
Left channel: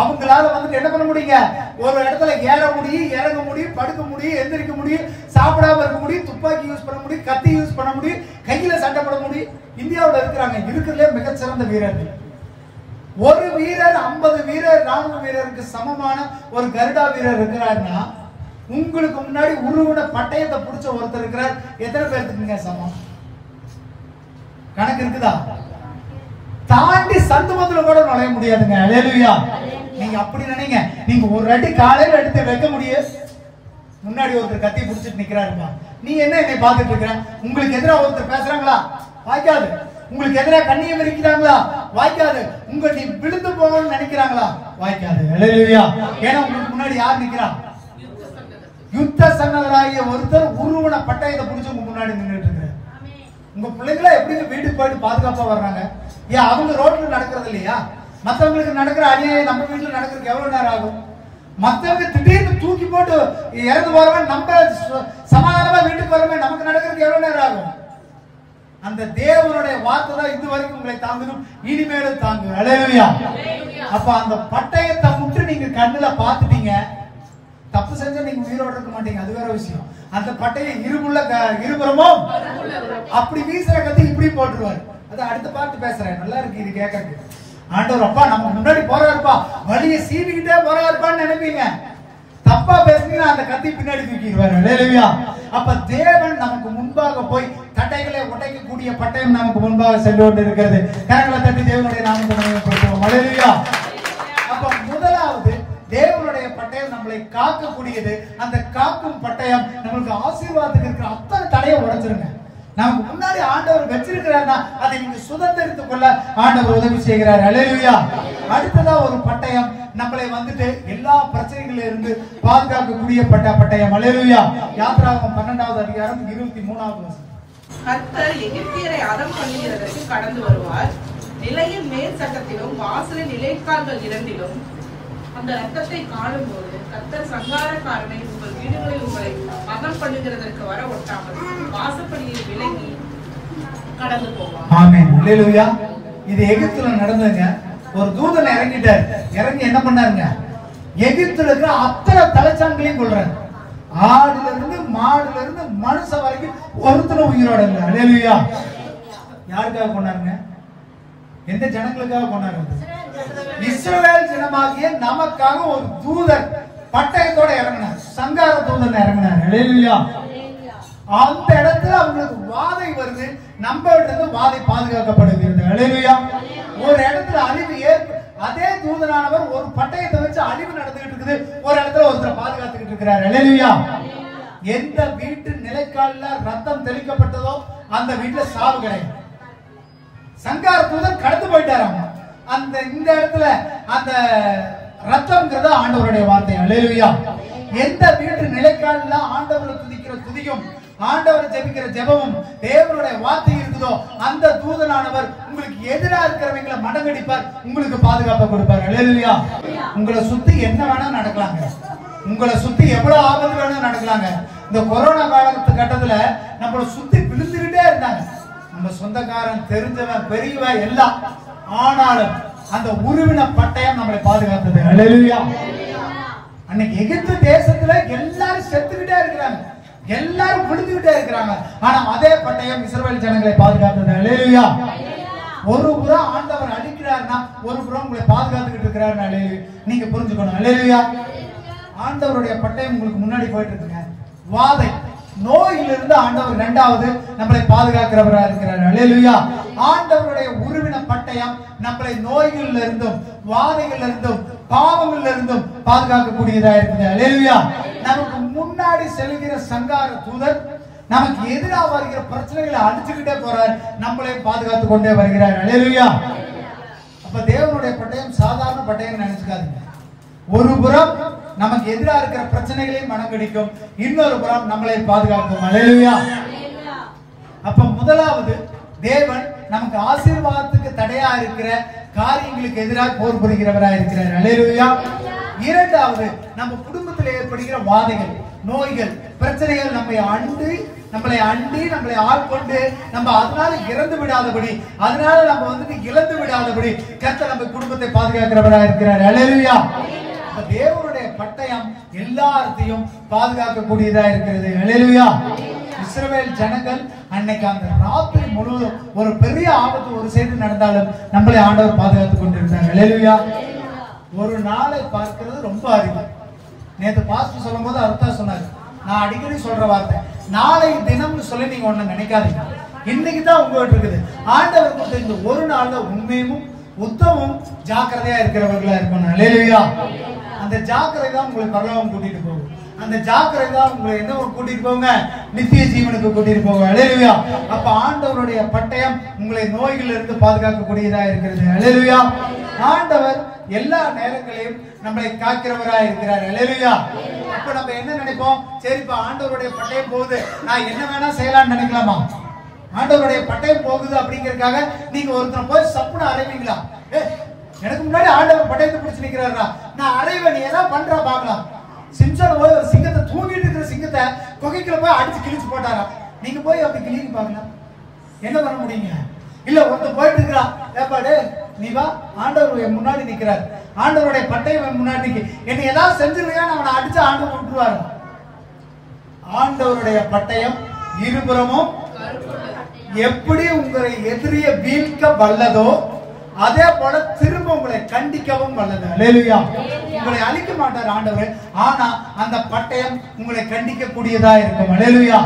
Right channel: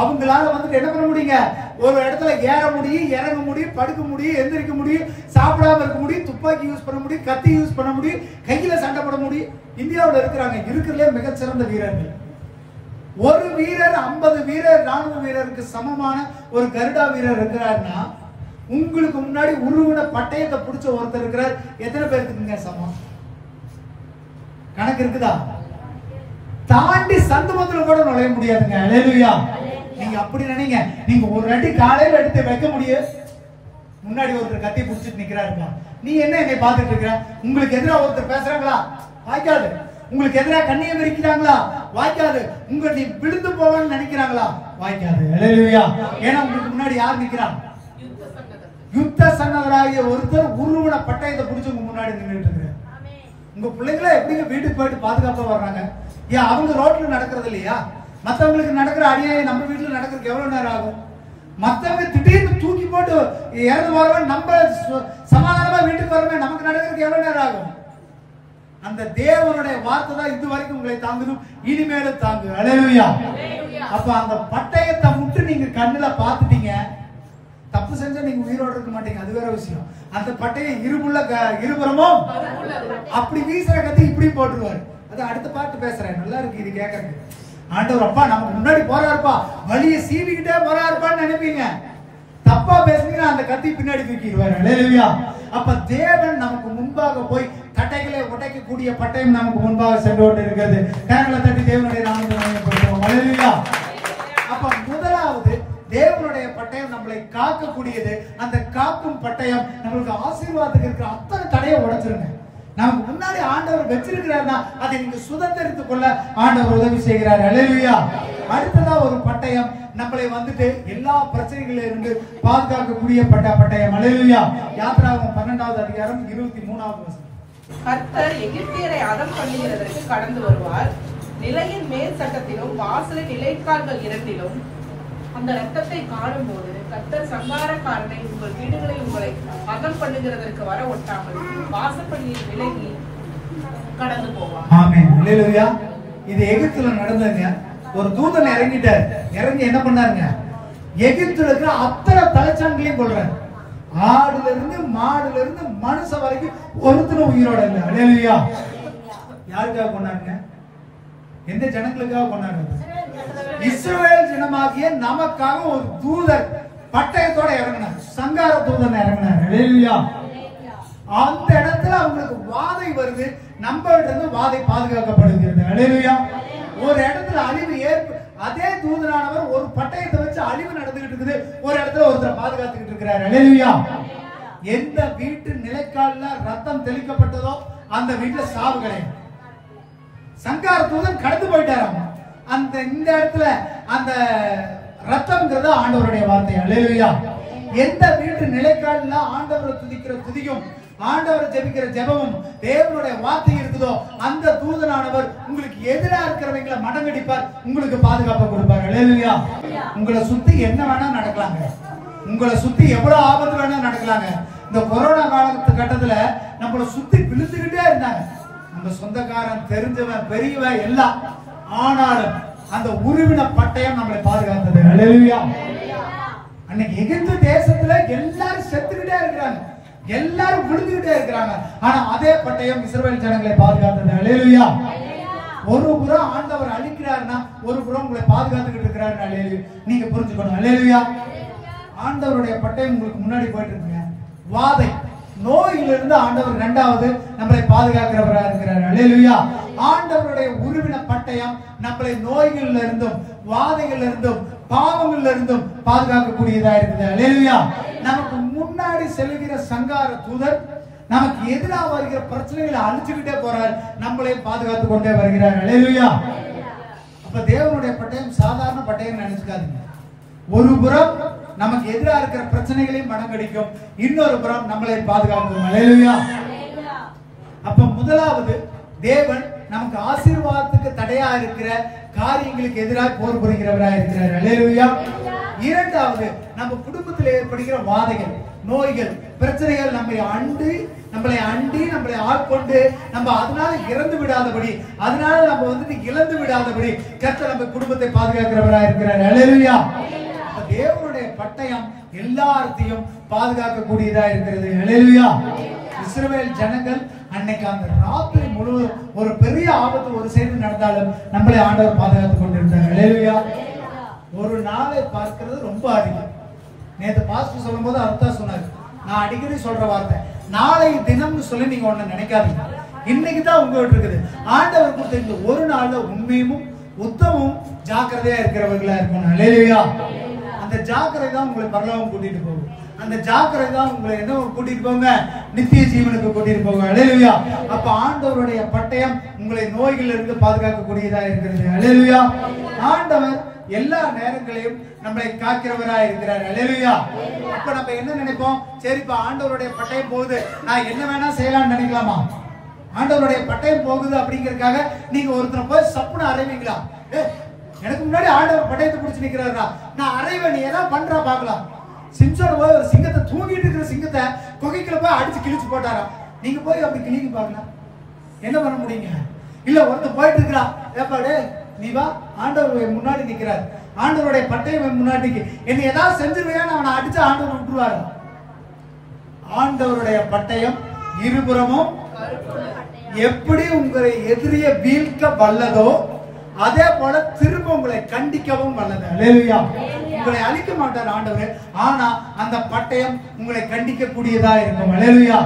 அவங்களால வந்துட்டு என்ன பண்ண முடியுங்க? ஒரு இடத்துல ஏற முடியும், இறங்க முடியும், படுக்க முடியும், எந்திரிக்க முடியும், சாப்பிடாம இருக்க முடியும், துப்பாக்கி யூஸ் பண்ண முடியும், கத்தி யூஸ் பண்ண முடியும், கையில சண்டை போட முடியும். இந்தியாவில் இருக்கிறாங்க இருக்கிறதுலே மிகச்சிறந்த வீரர்கள். ஒரு வீரர் 50 வீரர் ராணுவ வீரருக்கு சமமான ஒரு கருடா வீரர் இருக்கிறாருன்னா உங்களுக்கு முன்னாடி உருவின பட்டயத்தை பிடிச்ச ஒருத்தர் இருக்கிறார். எத்தனை பேருக்கு சமம்? கணக்கு இருக்குதா? தாண்டி சந்தமத்துல கூட நுழைய முடியாதுங்க. அல்லேலூயா. நீங்க அப்படி நினைங்க. நீங்க ஒரு அடி காலையில எடுத்து வைக்க முடியும், முன்னாடி ஒருத்தர் கத்தி பிடிச்சிட்டு நிக்கிறாருமா. நீ என்ன என்னை பார்த்துட்டு இருக்கிற? உங்களுக்கு எதிராக ஒருத்தர் பேசுறாங்களா? வாய்க்காது. உங்களுக்கு எதிராக கண்ணியம் விரிக்கிறாங்களா? வாய்க்காது. நீ விழுந்து போகணும்னு நினைக்கிறாங்களா? வாய்க்காது. அல்லேலூயா. ஏன்னா உங்களுக்கு முன்னாடி யார் நிக்கிறான்? யுத்த சன்னதராகிய ஒருத்தர் உருவன பட்டயத்தை பிடிச்சு உங்க முன்னாடி நின்றுட்டு இருக்கிறார். உங்க பிள்ளைங்கள எப்படிங்க வீட்டுக்கு போயிட்டு பாதுகாப்பா வர்றாங்க? ஏன் அவங்க ரோட்ல நடக்கிறது இல்லையா? மத்தவங்களுக்கு நடக்கிற அநியாயம் நம்ம வீட்டுல நடக்கிறதுக்கு எவ்வளவு நேரம் ஆகும்? மத்தவங்க திடீர்னு தூக்கி போட்டு இறந்து போறவன் நம்ம சமாதானமா வீட்டுக்கு வரவன் நமக்கு நடக்கிறதுக்கு எவ்வளவு நேரம் ஆகும்? அந்த தேவனுடைய வார்த்தை தான் இது வரைக்கும் உங்களை தாங்கணும், இனிமேலும் தாங்கும். அல்லேலூயா. அப்ப அந்த பட்டயத்தை முட்டு நீங்க கண்ணுல பாத்துட்டீங்க, தப்பு செஞ்சா நீங்க உயிரோட இருக்க மாட்டீங்க, அது வேற விஷயம். அந்த பட்டையை இருபுறமும் அப்படி வீசுற கத்தி இப்படி போட்டுருவாரு. அது அடுத்த பாட்டு பேசுறேன், நல்லா இருக்கு இது கேட்கறதுக்கு. ஆண்டவர் அப்பா நமக்கு முன்னாடி போறாருப்பா, வழியை சீவிக்கிட்டே போறாருப்பான்னு நினைப்பீங்க. தப்பா பேசுனீங்கன்னா அந்த கத்தி பின்னாடி தூக்கிடுவாரு. அல்லேலூயா. அப்ப தேவன் நமக்கு முன்பாக போய் தட்டைகளை உடைக்கக்கூடிய பட்டயம் நமக்கு முன்பாக சென்று கொண்டு இருக்கிறது. கரங்களை தட்டி தேவனுடைய நாமத்தை கொடுக்கிறோம். அல்லேலூயா. அப்ப முதலாவது தேவனுடைய பட்டயம் நம்மளை காக்கக்கூடியது. அந்த காக்கும் பட்டயம் நம்மளுக்கு ஆசீர்வாதத்துக்கு இருக்கிற அத்தனை தடையை உடைச்சிருங்க. நமக்கு முன்னாடி ஆண்டவர் வச்சிருக்கிறார்னா அதை நீங்க சுதந்திரித்துக் கொள்ள ஆண்டவர் உதவி செய்கிறார். அல்லேலூயா. அடுத்ததா ஒரு பட்டயம் நம்மளை வந்துட்டு எல்லா பிரச்சனைகளில இருந்து பாதுகாக்கக்கூடிய பட்டயம். அல்லேலூயா. யாத்திராகமம் 12வது அதிகாரம் 23வது வசனம். கர்த்தர் எகிப்தியரை அதம் பண்ணுகிறதற்கு கடந்து வருவார். நிலையின் மேல் சட்டத்திலும் வாசலின் நிலைக்கால்கள் இரண்டிலும் அந்த ரத்தத்தை காணும்போது கர்த்தர் சங்காரக்காரனை உங்கள் வீடுகளில் உங்களை அதம் பண்ணுகிறதற்கு வர ஒட்டாமல் வாசப்படியில் விலகி கடந்து போவார். ஆமென். அல்லேலூயா. இது எகிப்துல நடந்ததுங்க. ஒரு தூதன் இறங்கிட்டார். இறங்கி என்ன பண்ணாருங்க? எகிப்துல இருக்கிற அத்தனை தலைச்சான்களையும் கொள்றாரு. ஆடுல இருந்து மாடுல இருந்து மனுஷன் வரைக்கும் ஒருத்தனும் உயிரோட இல்ல. அல்லேலூயா. யாருக்காக கொண்டாருங்க? எந்த ஜனங்களுக்காக கொண்டாடுறது? இஸ்ரவேல் ஜனமாகிய நமக்காக ஒரு தூதர் பட்டயத்தோட இறங்கினார். சங்கார தூதன் இறங்கினார். அல்லேலூயா. அந்த இடத்துல அவங்களுக்கு வாதை வருது, நம்ம இருந்து வாதை பாதுகாக்கப்படுகிறது. அல்லேலூயா. ஒரு இடத்துல அழிவு அதே தூதனானவர் ஒரு பட்டயத்தை வச்சு அழிவு நடந்துகிட்டு இருக்குது, ஒரு இடத்துல ஒருத்தரை பாதுகாத்துக்கிட்டு இருக்கிறார். அல்லேலூயா. எந்த வீட்டு நிலைக்கால்ல ரத்தம் தெளிக்கப்பட்டதோ அந்த வீட்டுல சாவு கிடையாது. சங்கார தூதன் கடந்து போயிட்டாராம். அந்த இந்த இடத்துல அந்த ரத்தம்ங்கிறது ஆண்டவருடைய வார்த்தை. அல்லேலூயா. எந்த வீட்டு நிலைக்கால்ல ஆண்டவரை துதிக்கிற துதியும் ஆண்டவரை ஜெபிக்கிற ஜெபமும் தேவனுடைய வார்த்தை இருக்குதோ அந்த தூதனானவர் உங்களுக்கு எதிராக இருக்கிறவங்களை மடங்கடிப்பார், உங்களுக்கு பாதுகாப்பு கொடுப்பார். அல்லேலூயா. உங்களை சுத்தி என்ன வேணா நடக்கலாங்க, உங்களை சுத்தி எவ்வளவு ஆபத்து வேணா நடக்கலாங்க. இந்த கொரோனா காலகட்டத்துல நம்மளை சுத்தி விழுந்துகிட்டே இருந்தாங்க, நம்ம சொந்தக்காரன் தெரிஞ்சவன் பெரியவன் எல்லாம். ஆனாலும் அந்த உருவின பட்டயம் நம்மளை பாதுகாத்தது. அல்லேலூயா. அன்னைக்கு எகிப்து தேசத்துல எல்லாரும் செத்துக்கிட்டே இருக்கிறாங்க, எல்லாரும் விழுந்துகிட்டே இருக்கிறாங்க. ஆனா அதே பட்டயம் இஸ்ரவேல் ஜனங்களை பாதுகாத்தது. அல்லேலூயா. ஒரு புறம் ஆண்டவர் அழிக்கிறார்னா ஒரு புறம் உங்களை பாதுகாத்துக்கிட்டு இருக்கிறார். அல்லேலூயா. நீங்க புரிஞ்சுக்கணும். அல்லேலூயா. ஆண்டவருடைய பட்டயம் உங்களுக்கு முன்னாடி போயிட்டு இருக்குங்க. வாதை நோயிலிருந்து ஆண்டவர் இரண்டாவது நம்மளை பாதுகாக்கிறவராக இருக்கிறார். அல்லேலூயா. ஆண்டவருடைய உருவின பட்டயம் நம்மளை நோய்கள்ல இருந்தும் வாதைகள்ல இருந்தும் பாவங்கள்ல இருந்தும் பாதுகாக்கக்கூடியதா இருக்குது. அல்லேலூயா. நமக்கு முன்னாடி செல்கிற சங்கார தூதர் நமக்கு எதிராக வருகிற பிரச்சனைகளை அழிச்சுக்கிட்டே போறார், நம்மளை பாதுகாத்து கொண்டே வருகிறார். அல்லேலூயா. அப்ப தேவனுடைய பட்டயம் சாதாரண பட்டயம் நினைச்சுக்காதீங்க. ஒரு புறம் நமக்கு எதிராக இருக்கிற பிரச்சனைகளையும் மனங்கடிக்கும், இன்னொரு புறம் நம்மளை பாதுகாக்கும். அல்லேலூயா. அப்ப முதலாவது தேவன் நமக்கு ஆசீர்வாதத்துக்கு தடையா இருக்கிற காரியங்களுக்கு எதிராக போர் புரிகிறவராக இருக்கிறார். அல்லேலூயா. இரண்டாவது நம்ம குடும்பத்தில் ஏற்படுகிற வாதைகள், நோய்கள், பிரச்சனைகள் நம்மளை அண்டி ஆட்கொண்டு நம்ம அதனால இறந்து விடாதபடி, அதனால நம்ம இழந்து விடாதபடி கர்த்தர் நம்ம குடும்பத்தை பாதுகாக்கிறவராக இருக்கிறார். அல்லேலூயா. தேவனுடைய பட்டயம் எல்லாத்தையும் பாதுகாக்கக்கூடியதா இருக்கிறது. அல்லேலூயா. இஸ்ரவேல் ஜனங்கள் அன்னைக்கு அந்த ராத்திரி முழுவதும் ஒரு பெரிய ஆபத்து ஒரு சேர்ந்து நடந்தாலும் நம்மளை ஆண்டவர் பாதுகாத்துக் கொண்டிருந்தார். அல்லேலூயா. ஒரு நாளை பார்க்கிறது ரொம்ப அரிது. நேற்று பாஸ்டர் சொல்லும் போது அர்த்தம் சொன்னாரு, நான் அடிக்கடி சொல்ற வார்த்தை, நாளை தினம்னு சொல்லி நீங்க ஒண்ணு நினைக்காதீங்க. இன்னைக்கு தான் உங்ககிட்ட இருக்குது. ஆண்டவர் கொடுத்த இந்த ஒரு நாள்ல உண்மையும் உத்தமும் ஜாக்கிரதையா இருக்கிறவர்களா இருக்கணும். அல்லேலூயா. அந்த ஜாக்கிரதை தான் உங்களை பரலோகம் கூட்டிட்டு போகும். அந்த ஜாக்கிரதை தான் உங்களை என்ன கூட்டிட்டு போங்க? நித்திய ஜீவனுக்கு கூட்டிட்டு போங்க. அல்லேலூயா. அப்ப ஆண்டவருடைய பட்டயம் உங்களை நோய்கள் இருந்து பாதுகாக்கக்கூடியதா இருக்கிறது. அல்லேலூயா. ஆண்டவர் எல்லா நேரங்களையும் நம்மளை காக்கிறவராக இருக்கிறார். அல்லேலூயா. அப்ப நம்ம என்ன நினைப்போம்? சரிப்பா ஆண்டவருடைய பட்டயம் போகுது, நான் என்ன வேணா செய்யலாம்னு நினைக்கலாமா? ஆண்டவருடைய பட்டயம் போகுது அப்படிங்கறதுக்காக நீங்க ஒருத்தர் போய் சப்புன்னு அறைவீங்களா? எனக்கு முன்னாடி ஆண்டவர் பட்டயத்தை பிடிச்சு நிக்கிறாரா, நான் அறைவேன், நீ ஏதாவது பண்றா பாக்கலாம். சிம்சோன் போய் ஒரு சிங்கத்தை, தூங்கிட்டு இருக்கிற சிங்கத்தை குகைக்குள்ள போய் அடிச்சு கிழிச்சு போட்டாரா? நீங்க போய் அப்படி கிழிக்க பாக்கலாம், என்ன பண்ண முடியுங்க? இல்ல ஒருத்தர் போயிட்டு இருக்கிறா, ஏப்பாடு நீ வா, ஆண்டவர் முன்னாடி நிக்கிறார், ஆண்டவருடைய பட்டயம் முன்னாடி என்ன ஏதாவது செஞ்சிருவியான்னு அவனை அடிச்சு ஆண்டவர் விட்டுருவாரு. ஆண்டவருடைய பட்டயம் இருபுறமும் எப்படி உங்களை எதிரிய வீழ்க்க வல்லதோ அதே போல திரும்ப உங்களை கண்டிக்கவும் வல்லது. அல்லேலூயா. உங்களை அழிக்க மாட்டார் ஆண்டவர், ஆனா அந்த பட்டயம் உங்களை கண்டிக்க கூடியதா இருக்கும். அல்லேலூயா.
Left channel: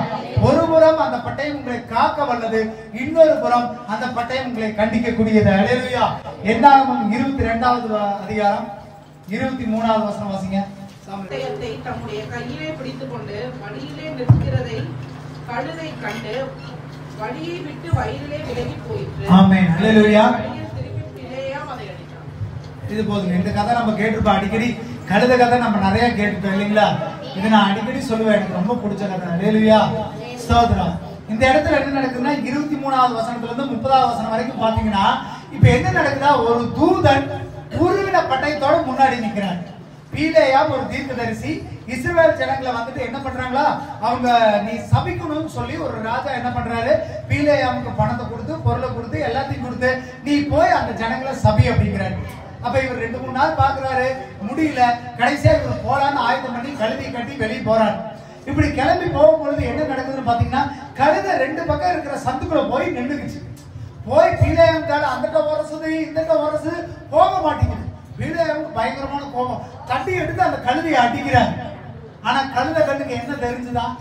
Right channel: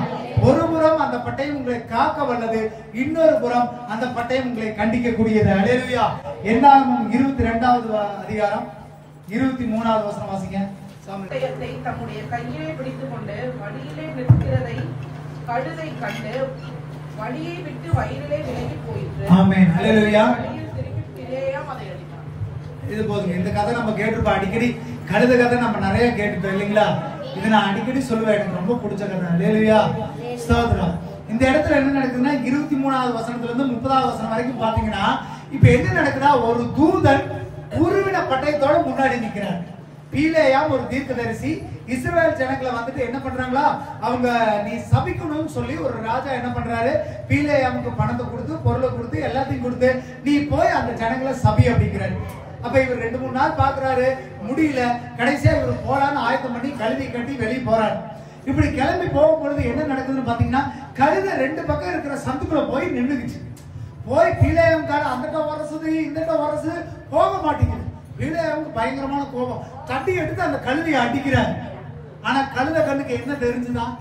ஒரு புறம் அந்த பட்டயம் உங்களை காக்க வல்லது, இன்னொரு புறம் அந்த பட்டயம் உங்களை கண்டிக்க கூடியது. அல்லேலூயா. என்னாகும் 22வது அதிகாரம் 23வது வசனம் வாசிங்க. பட்டயத்தை தம்முடைய கையிலே பிடித்துக் கொண்டு வழியிலே நிற்கிறதை கழுதை கண்டு வழியை விட்டு வயலிலே விலகி போயிற்று. ஆமென். அல்லேலூயா. இது போதுங்க. இந்த கதை நம்ம கேட்டிருப்போம் அடிக்கடி. கழுத கதை நம்ம நிறைய கேட்டுட்டோம் இல்லைங்களா? இது நான் அடிக்கடி சொல்லுவேன், எனக்கு ரொம்ப பிடிச்ச கதை. அல்லேலூயா. ஸ்தோத்திரம். இந்த இடத்துல என்ன நடக்குதுன்னா 23வது வசனத்துல இருந்து 30வது வசனம் வரைக்கும் பாத்தீங்கன்னா இப்ப என்ன நடக்குதா, ஒரு தூதன் உருவின பட்டயத்தோட முன்னாடி நிக்கிறார். பீலேயாம் ஒரு தீர்க்கதரிசி இஸ்ரவேல் ஜனங்களை வந்துட்டு என்ன பண்றாங்களா, அவங்க நீ சபிக்கணும்னு சொல்லி ஒரு ராஜா என்ன பண்றாரு, பீலேயாமுக்கு பணத்தை கொடுத்து பொருளை கொடுத்து எல்லாத்தையும் கொடுத்து நீ போய் அந்த ஜனங்களை சபி அப்படிங்கிறாரு. அப்ப இவர் 2-3 நாள் பாக்குறாரு, முடியல. கடைசியா இவர் போலான்னு ஆயத்தம் பண்ணி கழுதை கட்டி வெளியே போறாரு. இப்படி கிளம்பி போகும் பொழுது என்ன நடக்குதுன்னு பாத்தீங்கன்னா, கழுதை 2 பக்கம் இருக்கிற சந்துக்குள்ள போய் நின்றுக்குச்சு. போய் பீலேயாம் கால அந்த வரசுது இந்த வரசு போக மாட்டேங்குது. பீலேயாம் பயங்கரமான கோபம், தட்டி எடுத்து அந்த கழுதையை அடிக்கிறார். ஆனா கழுதை கண்ணுக்கு என்ன தெரிஞ்சுதான்?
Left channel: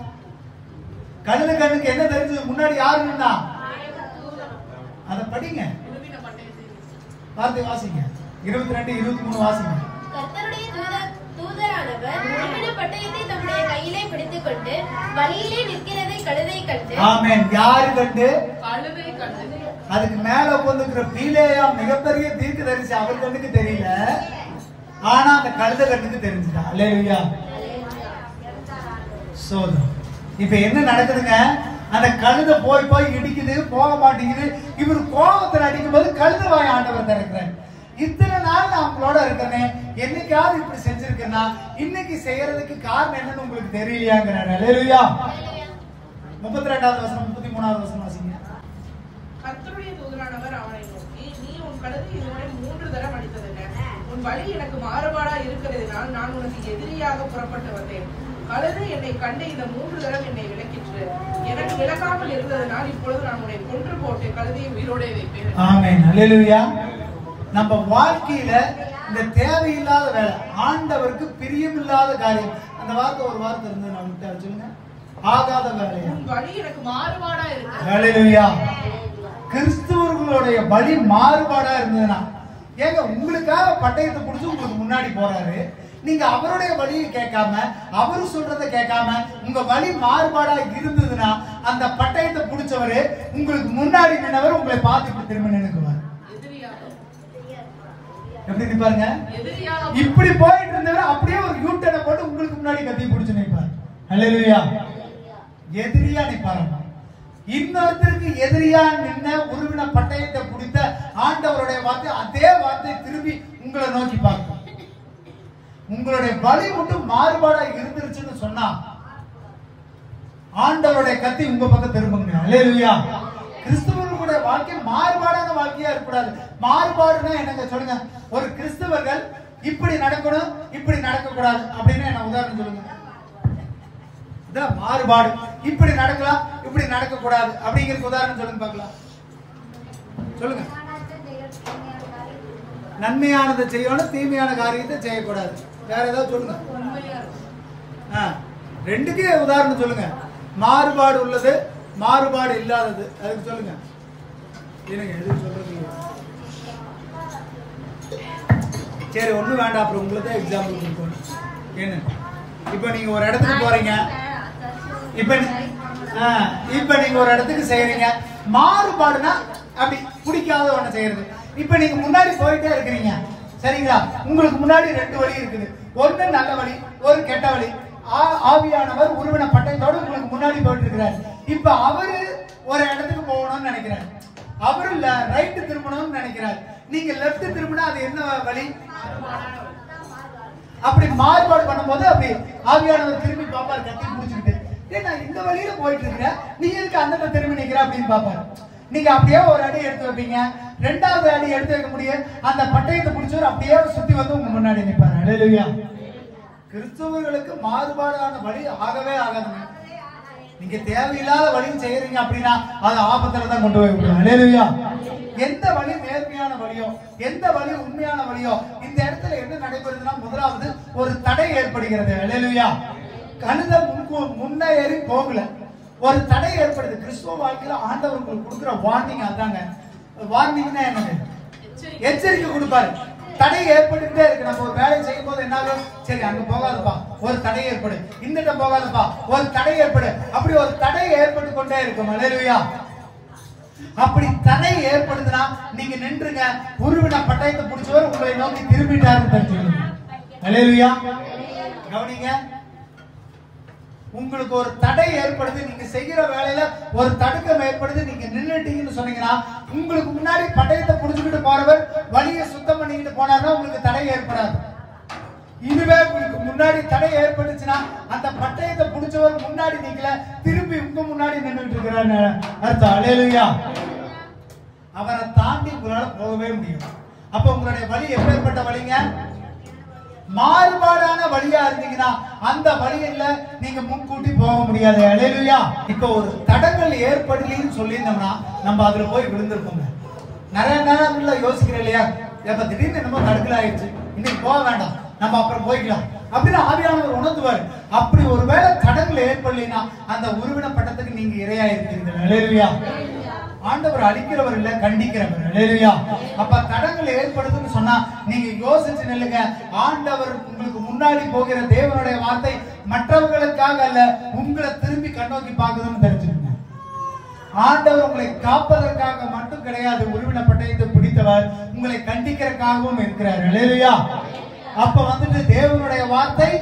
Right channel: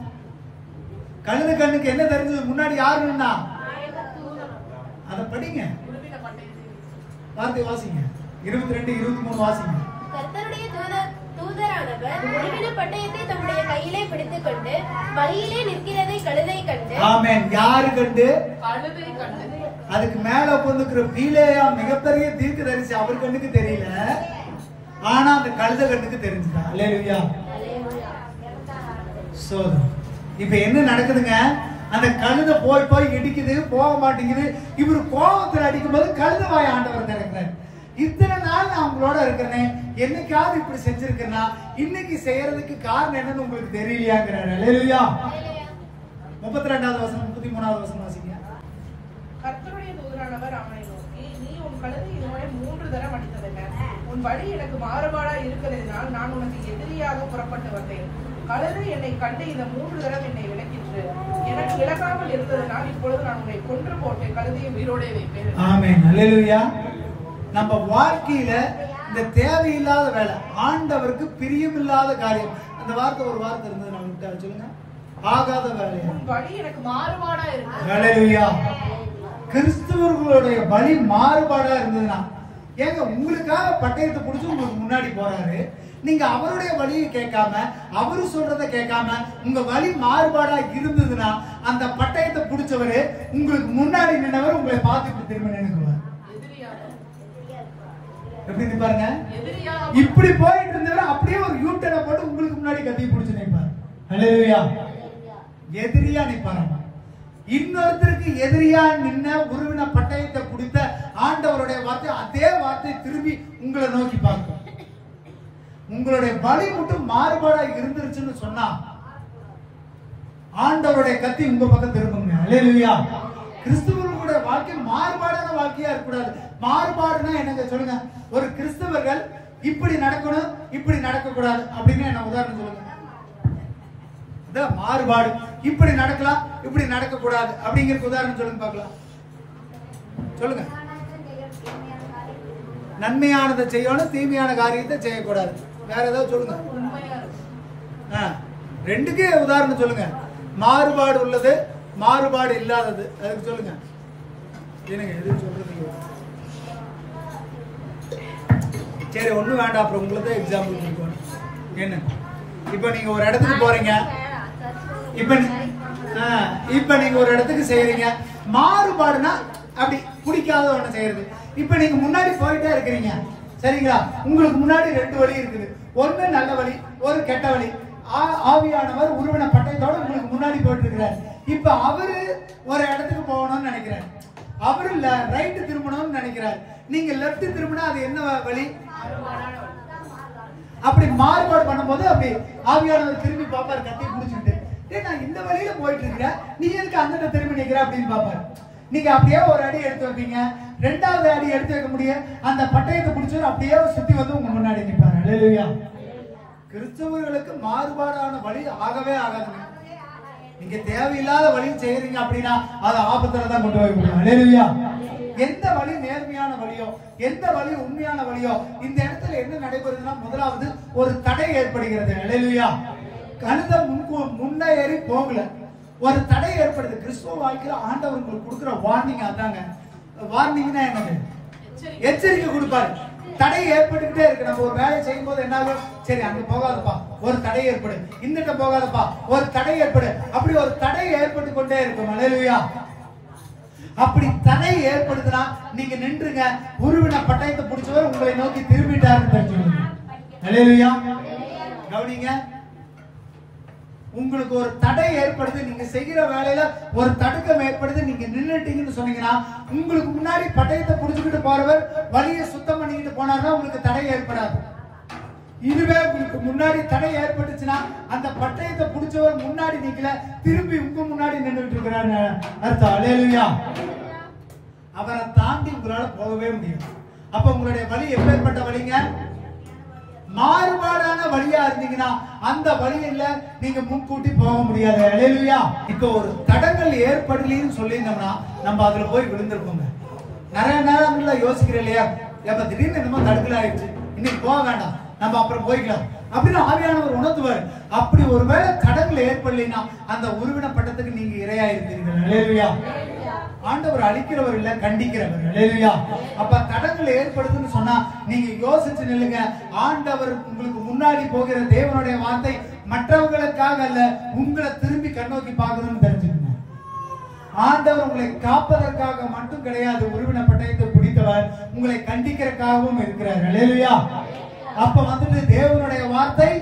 கழுதை கண்ணுக்கு என்ன தெரிஞ்சது? முன்னாடி யாரு இருந்தா? அத படிங்க, வார்த்தை வாசிங்க. 22, 23 வாசிங்க. கர்த்தருடைய தூதரானவர் உருவின பட்டயத்தை தம்முடைய கையிலே பிடித்துக் கொண்டு வழியிலே நிற்கிறதை கழுதை கண்டு. ஆமென். யாரு கண்டு? கழுதை கண்டு. அதுக்கு மேல உட்கார்ந்துக்கிற பீலேயா மிகப்பெரிய தீர்க்கதரிசி, அவர் கண்ணுக்கு தெரியல, ஆனா அந்த கழுதை கண்ணுக்கு தெரிஞ்சுதா? அல்லேலூயா. சோதனை. இப்ப என்ன நடக்குதுங்க, அந்த கழுதை போய் போய் இடிக்குது, போக மாட்டேங்குது. இவர் கோபத்தில் அடிக்கும் போது கழுதை வாய் ஆண்டவர் திறக்கிறார். இத்தனை நாள் நான் உங்களோட இருக்கிறேன், என்னைக்காவது இப்படி செஞ்சிருக்கேன்னா இன்னைக்கு செய்யறதுக்கு காரணம் என்னன்னு உங்களுக்கு தெரியலையாங்கிறாரு. அல்லேலூயா. 32வது வசனம் 33வது வசனம் வாசிங்க. கர்த்தருடைய தூதனானவர் அவனை நோக்கி, நீ உன் கழுதை என்னோட 3 தரம் அடித்ததென்ன? உன் வழி எனக்கு மாறுபாடா இருக்கிறதினால் நான் உனக்கு எதிரியாக புறப்பட்டு வந்தேன். கழுதை என்னை கண்டு இந்த 3 தரம் என்னை விலக்கிற்று. எனக்கு விலக்காமல் இருந்ததனால் இப்பொழுது நான் உன்னை கொன்று போட்டு கழுதையை உயிரோடே வைப்பேன். ஆமென். அல்லேலூயா. நம்ம வாழ்க்கையில இந்த தேவையில்லாத வேலை, ஆண்டவருக்கு பிரியமில்லாத காரியம், அந்த வார்த்தை ஒரு வார்த்தை இருந்தது, நான் உங்களுக்கு சொல்லுங்க, ஆகாத வேலை. உன் வழி எனக்கு மாறுபாடா இருக்கு. அல்லேலூயா. கிறிஸ்துவர்களுடைய வழி மாறுபாடா இருந்ததுன்னா, ஏங்க உங்களுக்காக பட்டயத்தை பிடிச்சு உங்களுக்கு முன்னாடி போறாரு, நீங்க அவருடைய வழியை கேட்காம அவரு சொல்றதை கேட்காம உங்க வழி மாறுபாடா இருந்ததுன்னா அந்த பட்டயத்தை பிடிச்சவரு உங்களுக்கு முன்னாடி நின்றவர் உங்களை பார்த்துட்டு திரும்ப நின்றுவார். எப்படி பாருங்க, இப்படி போயிட்டு இருந்தவர் அப்படியே ஒரு யூட்டனை போட்டு உங்களுக்கு முன்னாடி கத்தி பிடிச்சு நிற்பார். அல்லேலூயா. எதிரியா நிற்பாரு. இன்னொருத்தருக்கு எதிரியா நின்ன உருவின பட்டயத்தை பிடித்த ஆண்டவருடைய வார்த்தை, அதே வார்த்தை திரும்பி உங்களை நோக்கி பார்க்கும். உங்களுடைய வழி மட்டும் மாறுபாடா இருந்துருச்சுன்னு சொன்னா ஆண்டவருடைய கத்தி உங்க பக்கம் திரும்புங்க. அல்லேலூயா. கிறிஸ்துவர்களுடைய வாழ்க்கை மாறுபாடான வாழ்க்கையா இருக்கக்கூடாது. மாறுபாடுன்னா என்னங்க சொல்லுங்க. ஒரு கிறிஸ்தவர்கள் இப்படி நடக்கணும் இப்படி நடக்க கூடாது அப்படின்னு என்ன உதாரணம் சொல்லுங்க. மாறுபாடு, இப்படி நடக்கலாம் இப்படி நடக்க கூடாது அப்படிங்கிற உதாரணம் சொல்லுங்க பார்க்கலாம். சொல்லுங்க. நன்மையானதை செய்யணும், தீமையான காரியத்தை செய்யக்கூடாது. வேற ஏதாவது சொல்லுங்க. ரெண்டுக்கே உதாரணம் சொல்லுங்க. மாறுபாடு உள்ளது, மாறுபாடு இல்லாதது, அதுக்கு சொல்லுங்க. என்னங்க எதுவும் சொல்றது? சரி, ஒண்ணும் வேண்டாம், அப்புறம் உங்களுக்கு தான் எக்ஸாம்பிள் கொடுக்கணும். என்ன, இப்ப நீங்க ஒரு இடத்துக்கு போறீங்க, இப்ப நீங்க ஒரு இடத்துக்கு செய்யறீங்க. மாறுபாடுனா அப்படி பிடிக்காத ஒண்ணு செய்யறது. இப்ப நீங்க முன்னாடி போயிட்டே இருக்கிறீங்க, சரிங்களா? உங்களுக்கு முன்னாடி 2 வழி இருக்குது. ஒண்ணு நல்ல வழி, ஒரு கெட்ட வழி. ஆவியானவர் உருவன பட்டயத்தோட உங்களுக்கு முன்னாடி போயிட்டு இருக்கிறார். இப்ப அவரு ஒரு இடத்துக்கு போகணும்னு நினைக்கிறார், அவரு ரைட் திரும்பணும்னு நினைக்கிறார், நீங்க லெப்ட் திரும்பினா அது என்ன வழி? அப்படி மாறுபாடு பண்ணும்போது அப்படி ஆவியானவர் திரும்பி பாப்பாரு, கட்டி பிடிச்சிட்டு, நான் இந்த வழியில போயிட்டு இருக்கிறேன், நீ எதுக்கு அந்த திரும்பி நிக்கிற அப்படின்னு பாப்பாரு. நீங்க அப்படியே ஒரு அடி எடுத்து வைப்பீங்க, ரெண்டாவது அடி எடுத்து வைக்க முடியும், அந்த பட்டயத்தை பிடிச்சவர் அப்படியே சுத்தி வந்து உங்க முன்னாடி நிற்பாரு. அல்லேலூயா. கிறிஸ்தவர்களுக்கு மாறுபாடான வழி ஆகவே ஆகாதுங்க. நீங்க தேவையில்லாத வழி செய்யறீங்க அப்படின்னா அது ஆபத்துல தான் கொண்டு போய் விடுவோம். அல்லேலூயா. எந்த வழி நேர்மையான வழியோ, எந்த வழி உண்மையான வழியோ, இந்த இடத்துல என்ன நடைபெறுதுன்னா முதலாவது ஒரு தடை ஏற்படுகிறது. அல்லேலூயா. கழுத முன்னேறி போகல, ஒரு தடை ஏற்படுது. கிறிஸ்துவ வாழ்க்கையில ஆண்டவர் உங்களுக்கு கொடுக்கிற வார்னிங் அதாங்க. வார்னிங்னா என்னது? எச்சரிக்கை கொடுப்பாரு. தடை ஏற்பட்டுக்கிட்டே இருக்கு. நம்ம ஒரு வேலை செய்யும் போது என்ன ஆகும்? சரி அங்க போகாதப்பா, ஒரு தடை ஏற்படு, இந்த இடம் போகாதப்பா, ஒரு தடை ஏற்படு, அப்படி ஒரு தடை ஏற்பட்டு கொண்டே இருக்கும். அல்லேலூயா. அப்படி தடை ஏற்படுதுன்னா நீங்க நின்றுங்க, உருவின பட்டயத்தை பிடிச்சவர் உங்களை நோக்கி திரும்பிட்டாருன்னு தெரிஞ்சுக்கணும். அல்லேலூயா. கவனிங்க, உங்களுக்கு ஒரு தடை ஏற்படுது, நீங்க செய்யற வேலையில ஒரு தடுக்கம் ஏற்படுது, நீங்க நின்னுட்டீங்கன்னு சொன்னீங்கன்னா உங்களுக்கு முன்னாடி பட்டயத்தை புடிச்சுக்கிட்டு போறவர் வழியை சுத்தம் பண்ணிக்கிட்டு போனார்னா உங்களுக்கு தடை ஏற்படாது. இதுவே உங்களுக்கு முன்னாடி தடை ஏற்பட்டுச்சுன்னா அந்த பட்டயத்தை புடிச்சவர் முன்னாடி நிக்கல, திரும்பி உங்க முன்னாடி நின்றுட்டு இருக்கிறாரு அர்த்தம். அல்லேலூயா. அவரை தாண்டி உங்களால போகவே முடியும். அப்ப உங்களுடைய வழி எப்பேற்பட்ட வழிங்க? மாறுபாடான வழியா இருந்தீங்கன்னா அந்த வழியில நீங்க முன்கூட்டி போக முடியாது. அல்லேலூயா. இப்ப ஒரு தடங்கள் ஏற்படலின்னு சொல்லியிருந்தோம்னா நம்ம அதுல போய் விழுந்திருப்போங்க. நிறைய நேரங்கள்ல யோசிக்கிறேன் இல்லையா, எப்ப திடீர்னு என்னமோ தடுக்கல ஆயிடுச்சு, இன்னைக்கு போக வேண்டாம், நம்ம அப்புறம் போய்க்கலாம் அப்படின்னு ஆவியானவர் உணர்த்துவார். அப்படி ஒருவேளை தடங்கள் ஏற்படலைன்னா அந்த உருவின பட்டத்துக்கு நீங்க இரையா இருக்கிறீர்கள். அல்லேலூயா. ஆண்டவர் அழிக்கிறவர் இல்ல, கண்டிக்கிறவர். அல்லேலூயா. அப்ப தடங்கள் ஏற்படுதுன்னு சொன்னா நீங்க யோசிச்சு நில்லுங்க. ஆண்டவர் உங்களுக்கு முன்னாடி போகிற தேவனுடைய வார்த்தை மற்றவங்களுக்காக அல்ல, உங்களை திரும்பி கண்ணோக்கி பார்க்குதுன்னு தெரிஞ்சுக்கணும். ஆண்டவர் உங்களை காப்பதற்காக மட்டும் கிடையாது, உருவின பட்டயத்தை பிடித்தவர் உங்களை கண்டிக்கிறதுக்காகவும் இருக்கிறார். அல்லேலூயா. அப்ப வந்துட்டு தேவனுடைய வார்த்தை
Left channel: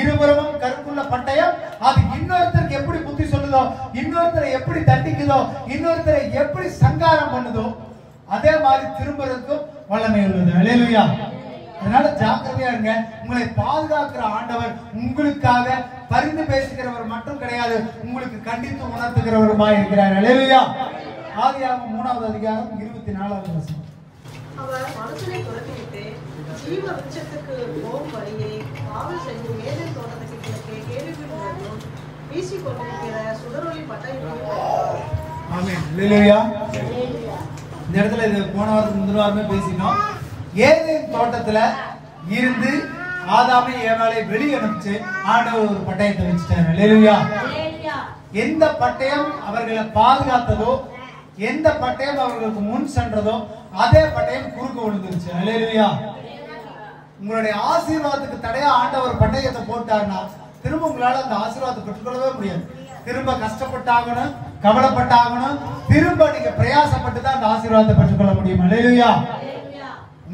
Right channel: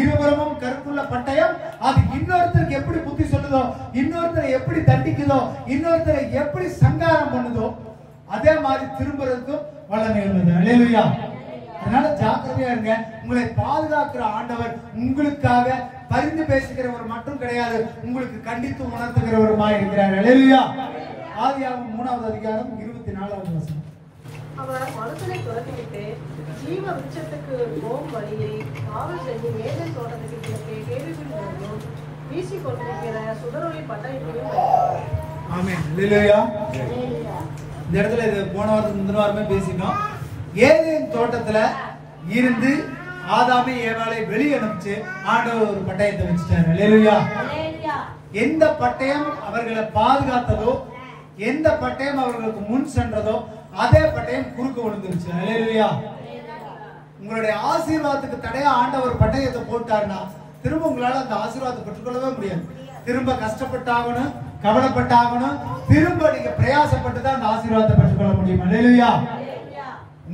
இருபுறமும் கருப்புள்ள பட்டயம், அது இன்னொருத்தருக்கு எப்படி புத்தி சொல்லுதோ, இன்னொருத்தரை எப்படி தண்டிக்குதோ, இன்னொருத்தரை எப்படி சங்காரம் பண்ணுதோ அதே மாதிரி திரும்புறதுக்கும் வல்லமை உள்ளது. அல்லேலூயா. அதனால ஜாக்கிரதையா இருங்க. உங்களை பாதுகாக்கிற ஆண்டவர் உங்களுக்காக பரிந்து பேசுகிறவர் மட்டும் கிடையாது, உங்களுக்கு கண்டித்து உணர்த்துகிறவருமாய் இருக்கிறார். அல்லேலூயா. ஆதியாகமம் 3வது அதிகாரம் 24வது வசனம். அவர் மனுஷனை துரத்திவிட்டு ஜீவ விருட்சத்துக்கு போகும் வழியை காவல் செய்யும் ஏதேன் தோட்டத்துக்கு கிழக்கே கேள்விக்குறிகளையும் வீசி கொண்டிருக்கிற சுடரொளி பட்டயத்தையும் வைத்தார். ஆமென். அல்லேலூயா. இந்த இடத்துல இது போன வாரத்துக்கு முந்தின வாரமே பேசினோம். ஏதேன் தோட்டத்துல இருந்து ஆதாமை ஏவாளை வெளியே அனுப்பிச்சு ஆண்டவர் ஒரு பட்டயத்தை வச்சுட்டார். அல்லேலூயா. எந்த பட்டயம் அவர்களை பாதுகாத்ததோ, எந்த பட்டயம் அவர்களுக்கு முன் சென்றதோ அதே பட்டயம் குறுக்க விழுந்துருச்சு. அல்லேலூயா. உங்களுடைய ஆசீர்வாதத்துக்கு தடையா ஆண்டவர் பட்டயத்தை போட்டார்னா திரும்ப உங்களால அந்த ஆசீர்வாதத்தை பெற்றுக்கொள்ளவே முடியாது. திரும்ப கஷ்டப்பட்டாகணும், கவலைப்பட்டாகணும், திரும்ப நீங்க பிரயாசப்பட்டு தான் அந்த ஆசீர்வாதத்தை பெற்றுக்கொள்ள முடியும். அல்லேலூயா.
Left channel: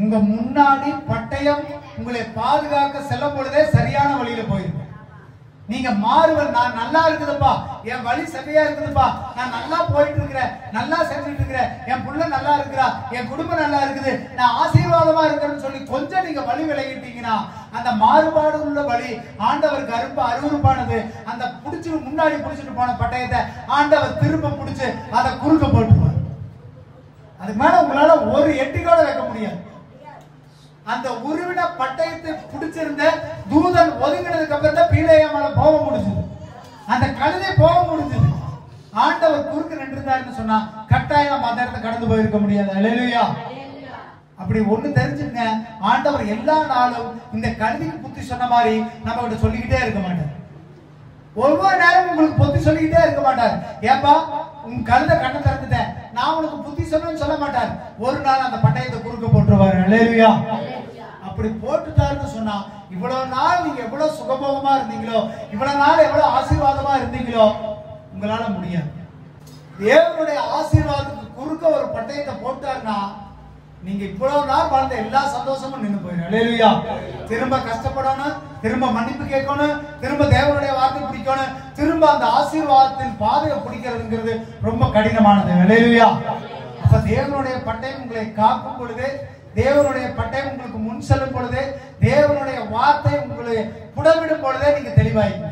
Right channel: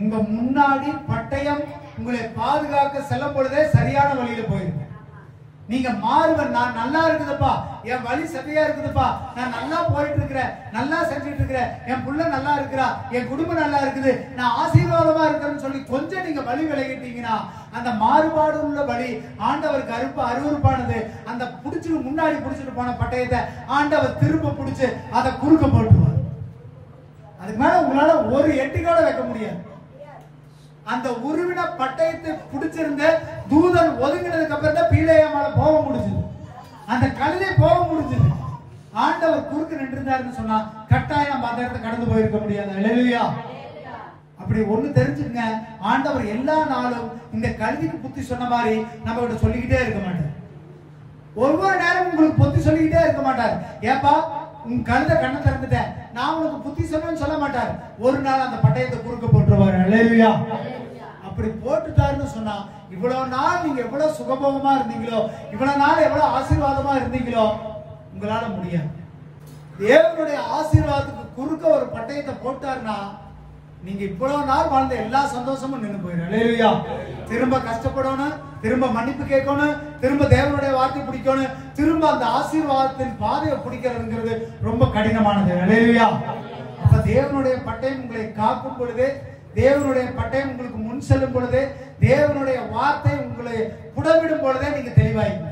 உங்க முன்னாடி பட்டயம் உங்களை பாதுகாக்க செல்லும் பொழுதே சரியான வழியில போயிருக்கும். நீங்க மாறுவன், நான் நல்லா இருக்குதுப்பா, என் வழி சரியா இருக்குதுப்பா, நான் நல்லா போயிட்டு இருக்கிறேன், நல்லா செஞ்சுட்டு இருக்கிறேன், என் புள்ள நல்லா இருக்கிறா, என் குடும்பம் நல்லா இருக்குது, நான் ஆசீர்வாதமா இருக்கிறேன்னு சொல்லி கொஞ்சம் நீங்க வழி விலகிட்டீங்கன்னா அந்த மாறுபாடு உள்ள வழி ஆண்டவருக்கு அருவருப்பானது. அந்த புடிச்சு முன்னாடி புடிச்சிட்டு போன பட்டயத்தை ஆண்டவர் திரும்ப புடிச்சு அதை குறுக்க போட்டுருவார். அதுக்கு மேல உங்களால ஒரு எட்டிக்கோட வைக்க முடியாது. அந்த உருவின பட்டயத்தை பிடிச்சிருந்த தூதன் ஒதுங்கினதுக்கு அப்புறம் தான் பீலேயாமால போக முடிஞ்சது, அந்த கழுதை போக முடிஞ்சது. ஆண்டவர் குறுக்கு நின்றுந்தாருன்னு சொன்னா கட்டாயம் நம்ம அந்த இடத்தை கடந்து போயிருக்க முடியாது. அல்லேலூயா. அப்படி ஒண்ணு தெரிஞ்சுங்க, ஆண்டவர் எல்லா நாளும் இந்த கழுதைக்கு புத்தி சொன்ன மாதிரி நம்ம கிட்ட சொல்லிக்கிட்டே இருக்க மாட்டார். ஒவ்வொரு நேரமும் உங்களுக்கு புத்தி சொல்லிக்கிட்டே இருக்க மாட்டார். ஏப்பா உன் கழுதை கண்ணை திறந்துட்டேன், நான் உனக்கு புத்தி சொல்றேன்னு சொல்ல மாட்டார். ஒரு நாள் அந்த பட்டயத்தை குறுக்க போட்டுருவாரு. அல்லேலூயா. அப்படி போட்டுட்டாருன்னு சொன்னா இவ்வளவு நாள் நீங்க எவ்வளவு சுகபோகமா இருந்தீங்களோ, இவ்வளவு நாள் எவ்வளவு ஆசீர்வாதமா இருந்தீங்களோ உங்களால முடியாது. தேவனுடைய ஆசீர்வாதத்துக்கு குறுக்க ஒரு பட்டயத்தை போட்டாருன்னா நீங்க இவ்வளவு நாள் வாழ்ந்த எல்லா சந்தோஷமும் நின்று போயிடும். அல்லேலூயா. திரும்ப கஷ்டப்படணும், திரும்ப மன்னிப்பு கேட்கணும், திரும்ப தேவனுடைய வார்த்தை பிடிக்கணும், திரும்ப அந்த ஆசீர்வாதத்தின் பாதையை பிடிக்கிறதுங்கிறது ரொம்ப கடினமானது. அல்லேலூயா. அப்ப தேவனுடைய பட்டயம் உங்களை காக்கும் பொழுது, தேவனுடைய பட்டயம் உங்களுக்கு முன் செல்லும் பொழுது, தேவனுடைய வார்த்தை உங்களை புடவிடும் பொழுதே நீங்க தெளிவாயிங்க.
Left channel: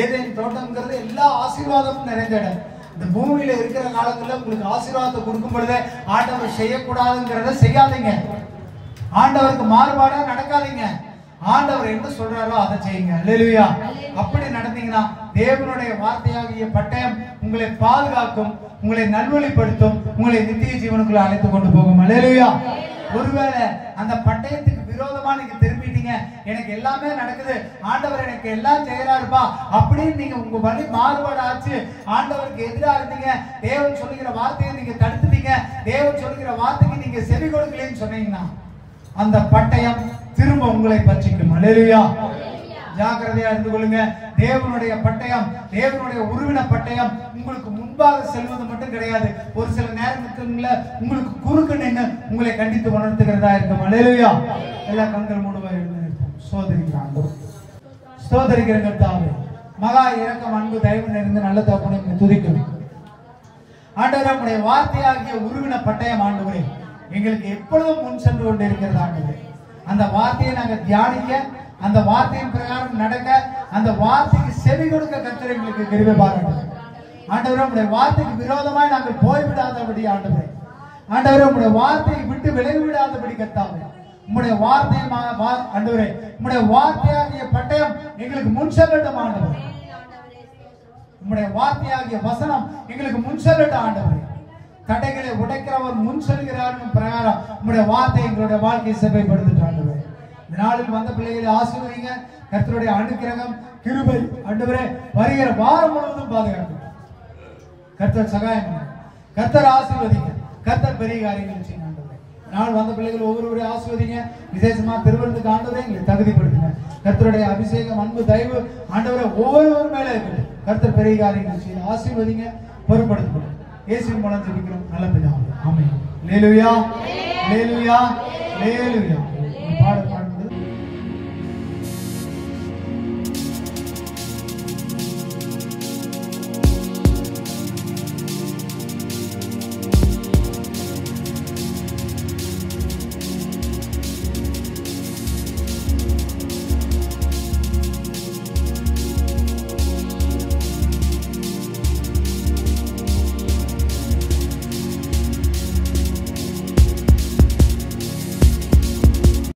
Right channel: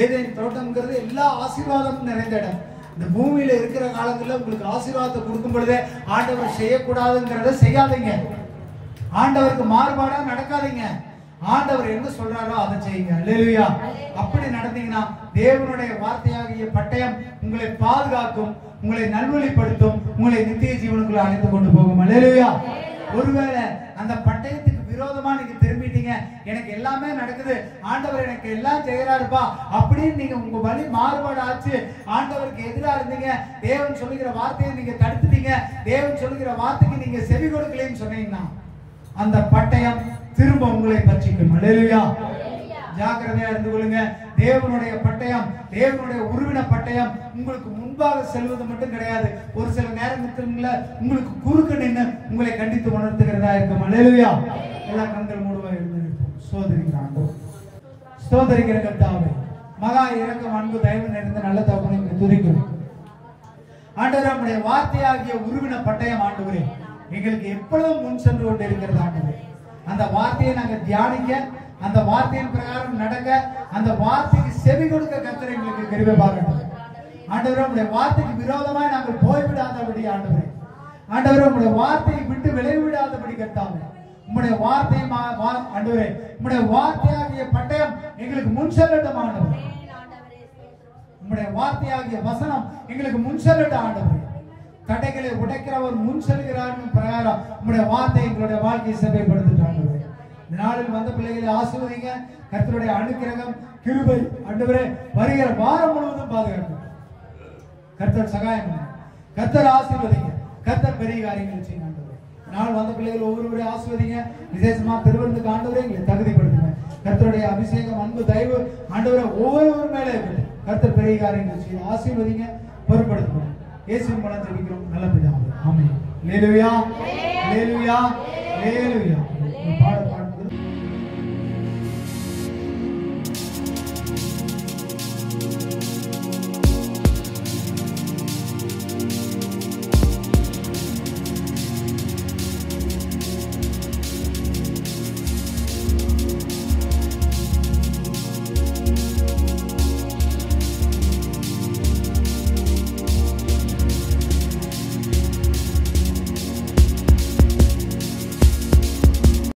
ஏதேன் தோட்டம்ங்கிறது எல்லா ஆசீர்வாதமும் நிறைந்த இடம். இந்த பூமியில இருக்கிற காலங்களில் உங்களுக்கு ஆசீர்வாதத்தை கொடுக்கும் பொழுது ஆண்டவர் செய்யக்கூடாதுங்கிறத செய்யாதீங்க. ஆண்டவருக்கு மாறுபாடா நடக்காதீங்க. ஆண்டவர் என்ன சொல்றாரோ அதை செய்யுங்க. அல்லேலூயா. அப்படி நடந்தீங்கன்னா தேவனுடைய வார்த்தையாகிய பட்டயம் உங்களை பாதுகாக்கும், உங்களை நல்வழிப்படுத்தும், உங்களை நித்திய ஜீவனுக்குள்ள அழைத்து கொண்டு போகும். அல்லேலூயா. ஒருவேளை அந்த பட்டயத்துக்கு விரோதமா நீங்க திரும்பிட்டீங்க, எனக்கு எல்லாமே நடக்குது, ஆண்டவர் எனக்கு எல்லாம் செய்யறாருப்பா அப்படின்னு நீங்க உங்க வழி மாறுபாடு ஆச்சு, ஆண்டவருக்கு எதிராக இருந்தீங்க, தேவன் சொல்லுகிற வார்த்தையை நீங்க தடுத்துட்டீங்க, தேவன் சொல்லுகிற வார்த்தைக்கு நீங்க செவி கொடுக்கலன்னு சொன்னீங்கன்னா அந்த பட்டயம் திரும்ப உங்களை பற்றிக்கும். அல்லேலூயா. ஜாக்கிரதையா இருந்து கொள்ளுங்க. தேவனுடைய பட்டயம், தேவனுடைய உருவின பட்டயம் உங்களுக்கு முன்பாக செல்வது மட்டும் கிடையாது, ஒரு சில நேரங்கள்ல உங்களுக்கு குறுக்க நின்று உங்களை கண்டித்து உணர்த்துகிறதா இருக்கும். அல்லேலூயா. எல்லா கண்கள் மூடுவா இருந்து சோதரிக்கிறாங்க. சோதரிக்கிற கர்த்தாவே, மகா இரக்கம் அன்பு தயவு நிறைந்த நல்ல தகப்பனுக்கு துதிக்கும். ஆண்டவரே, உம்முடைய வார்த்தையாகிய உருவின பட்டயம் ஆண்டவரே எங்களுக்கு எப்பொழுதும் முன் சென்று கொண்டு இருக்கிறது ஆண்டவரே. அந்த வார்த்தையை நாங்கள் தியானிக்க, அந்த வார்த்தையின் பிரகாரம் நடக்க, அந்த வார்த்தைக்கு செவி கொடுக்க கர்த்தர் எங்களுக்கு கிருபை பாராட்டுங்க. ஆண்டவரே, உம்முடைய வார்த்தைக்கு விரோதமாய் நாங்கள் போய்விடாதபடி ஆண்டவரே, ஆண்டவரே உம்முடைய வார்த்தையை விட்டு விலகிவிடாதபடி கர்த்தாவே, உம்முடைய வார்த்தை ஆண்டவரே, உம்முடைய வார்த்தையாகிய பட்டயம் எங்களுக்கு முன் செல்லட்டும் ஆண்டவரே. உம்முடைய வார்த்தையாகிய வசனம் எங்களுக்கு முன் செல்லட்டும் ஆண்டவரே. தடைகளை உடைக்கிறவர் முன் செல்கிறார் பிரகாரம் உம்முடைய வார்த்தை எங்களுடைய வாழ்க்கையை செவ்வாய்ப்படுத்திட்டு ஆண்டவரே. இந்த நாளில் வந்த பிள்ளைகளை ஆசீர்வதிங்க. கர்த்தருடைய அனுக்கிரகம் கிருபை ஆண்டவரே வருகிற வாரம் முழுவதும் பாதுகாப்பு. கர்த்தர் சகாயம் பண்ணுங்க, கர்த்தர் ஆசீர்வதிங்க, கர்த்தர் பெரிய காரியங்கள் செய்யுங்க ஆண்டவரே. நாள் வந்த பிள்ளைகள் ஒவ்வொருவரையும் ஆசீர்வதிங்க. விசேஷமா திருவிழந்துக்கு ஆண்டவரே எங்களை தகுதிப்படுத்துங்க. கர்த்தருடைய அபிஷேகம் அன்பு தயவு ஆண்டவரை ஒவ்வொருவர் மேல இருக்கட்டும். கர்த்தர் பெரிய காரியங்கள் செய்ய ஆசீர்வதிங்க, பொறுப்படுத்துங்க. இயேசுவின் மூலம் ஜெபிக்கிறோம் நல்ல பிதாவே. ஆமென். அல்லேலூயா. அல்லேலூயா. அல்லேலூயா.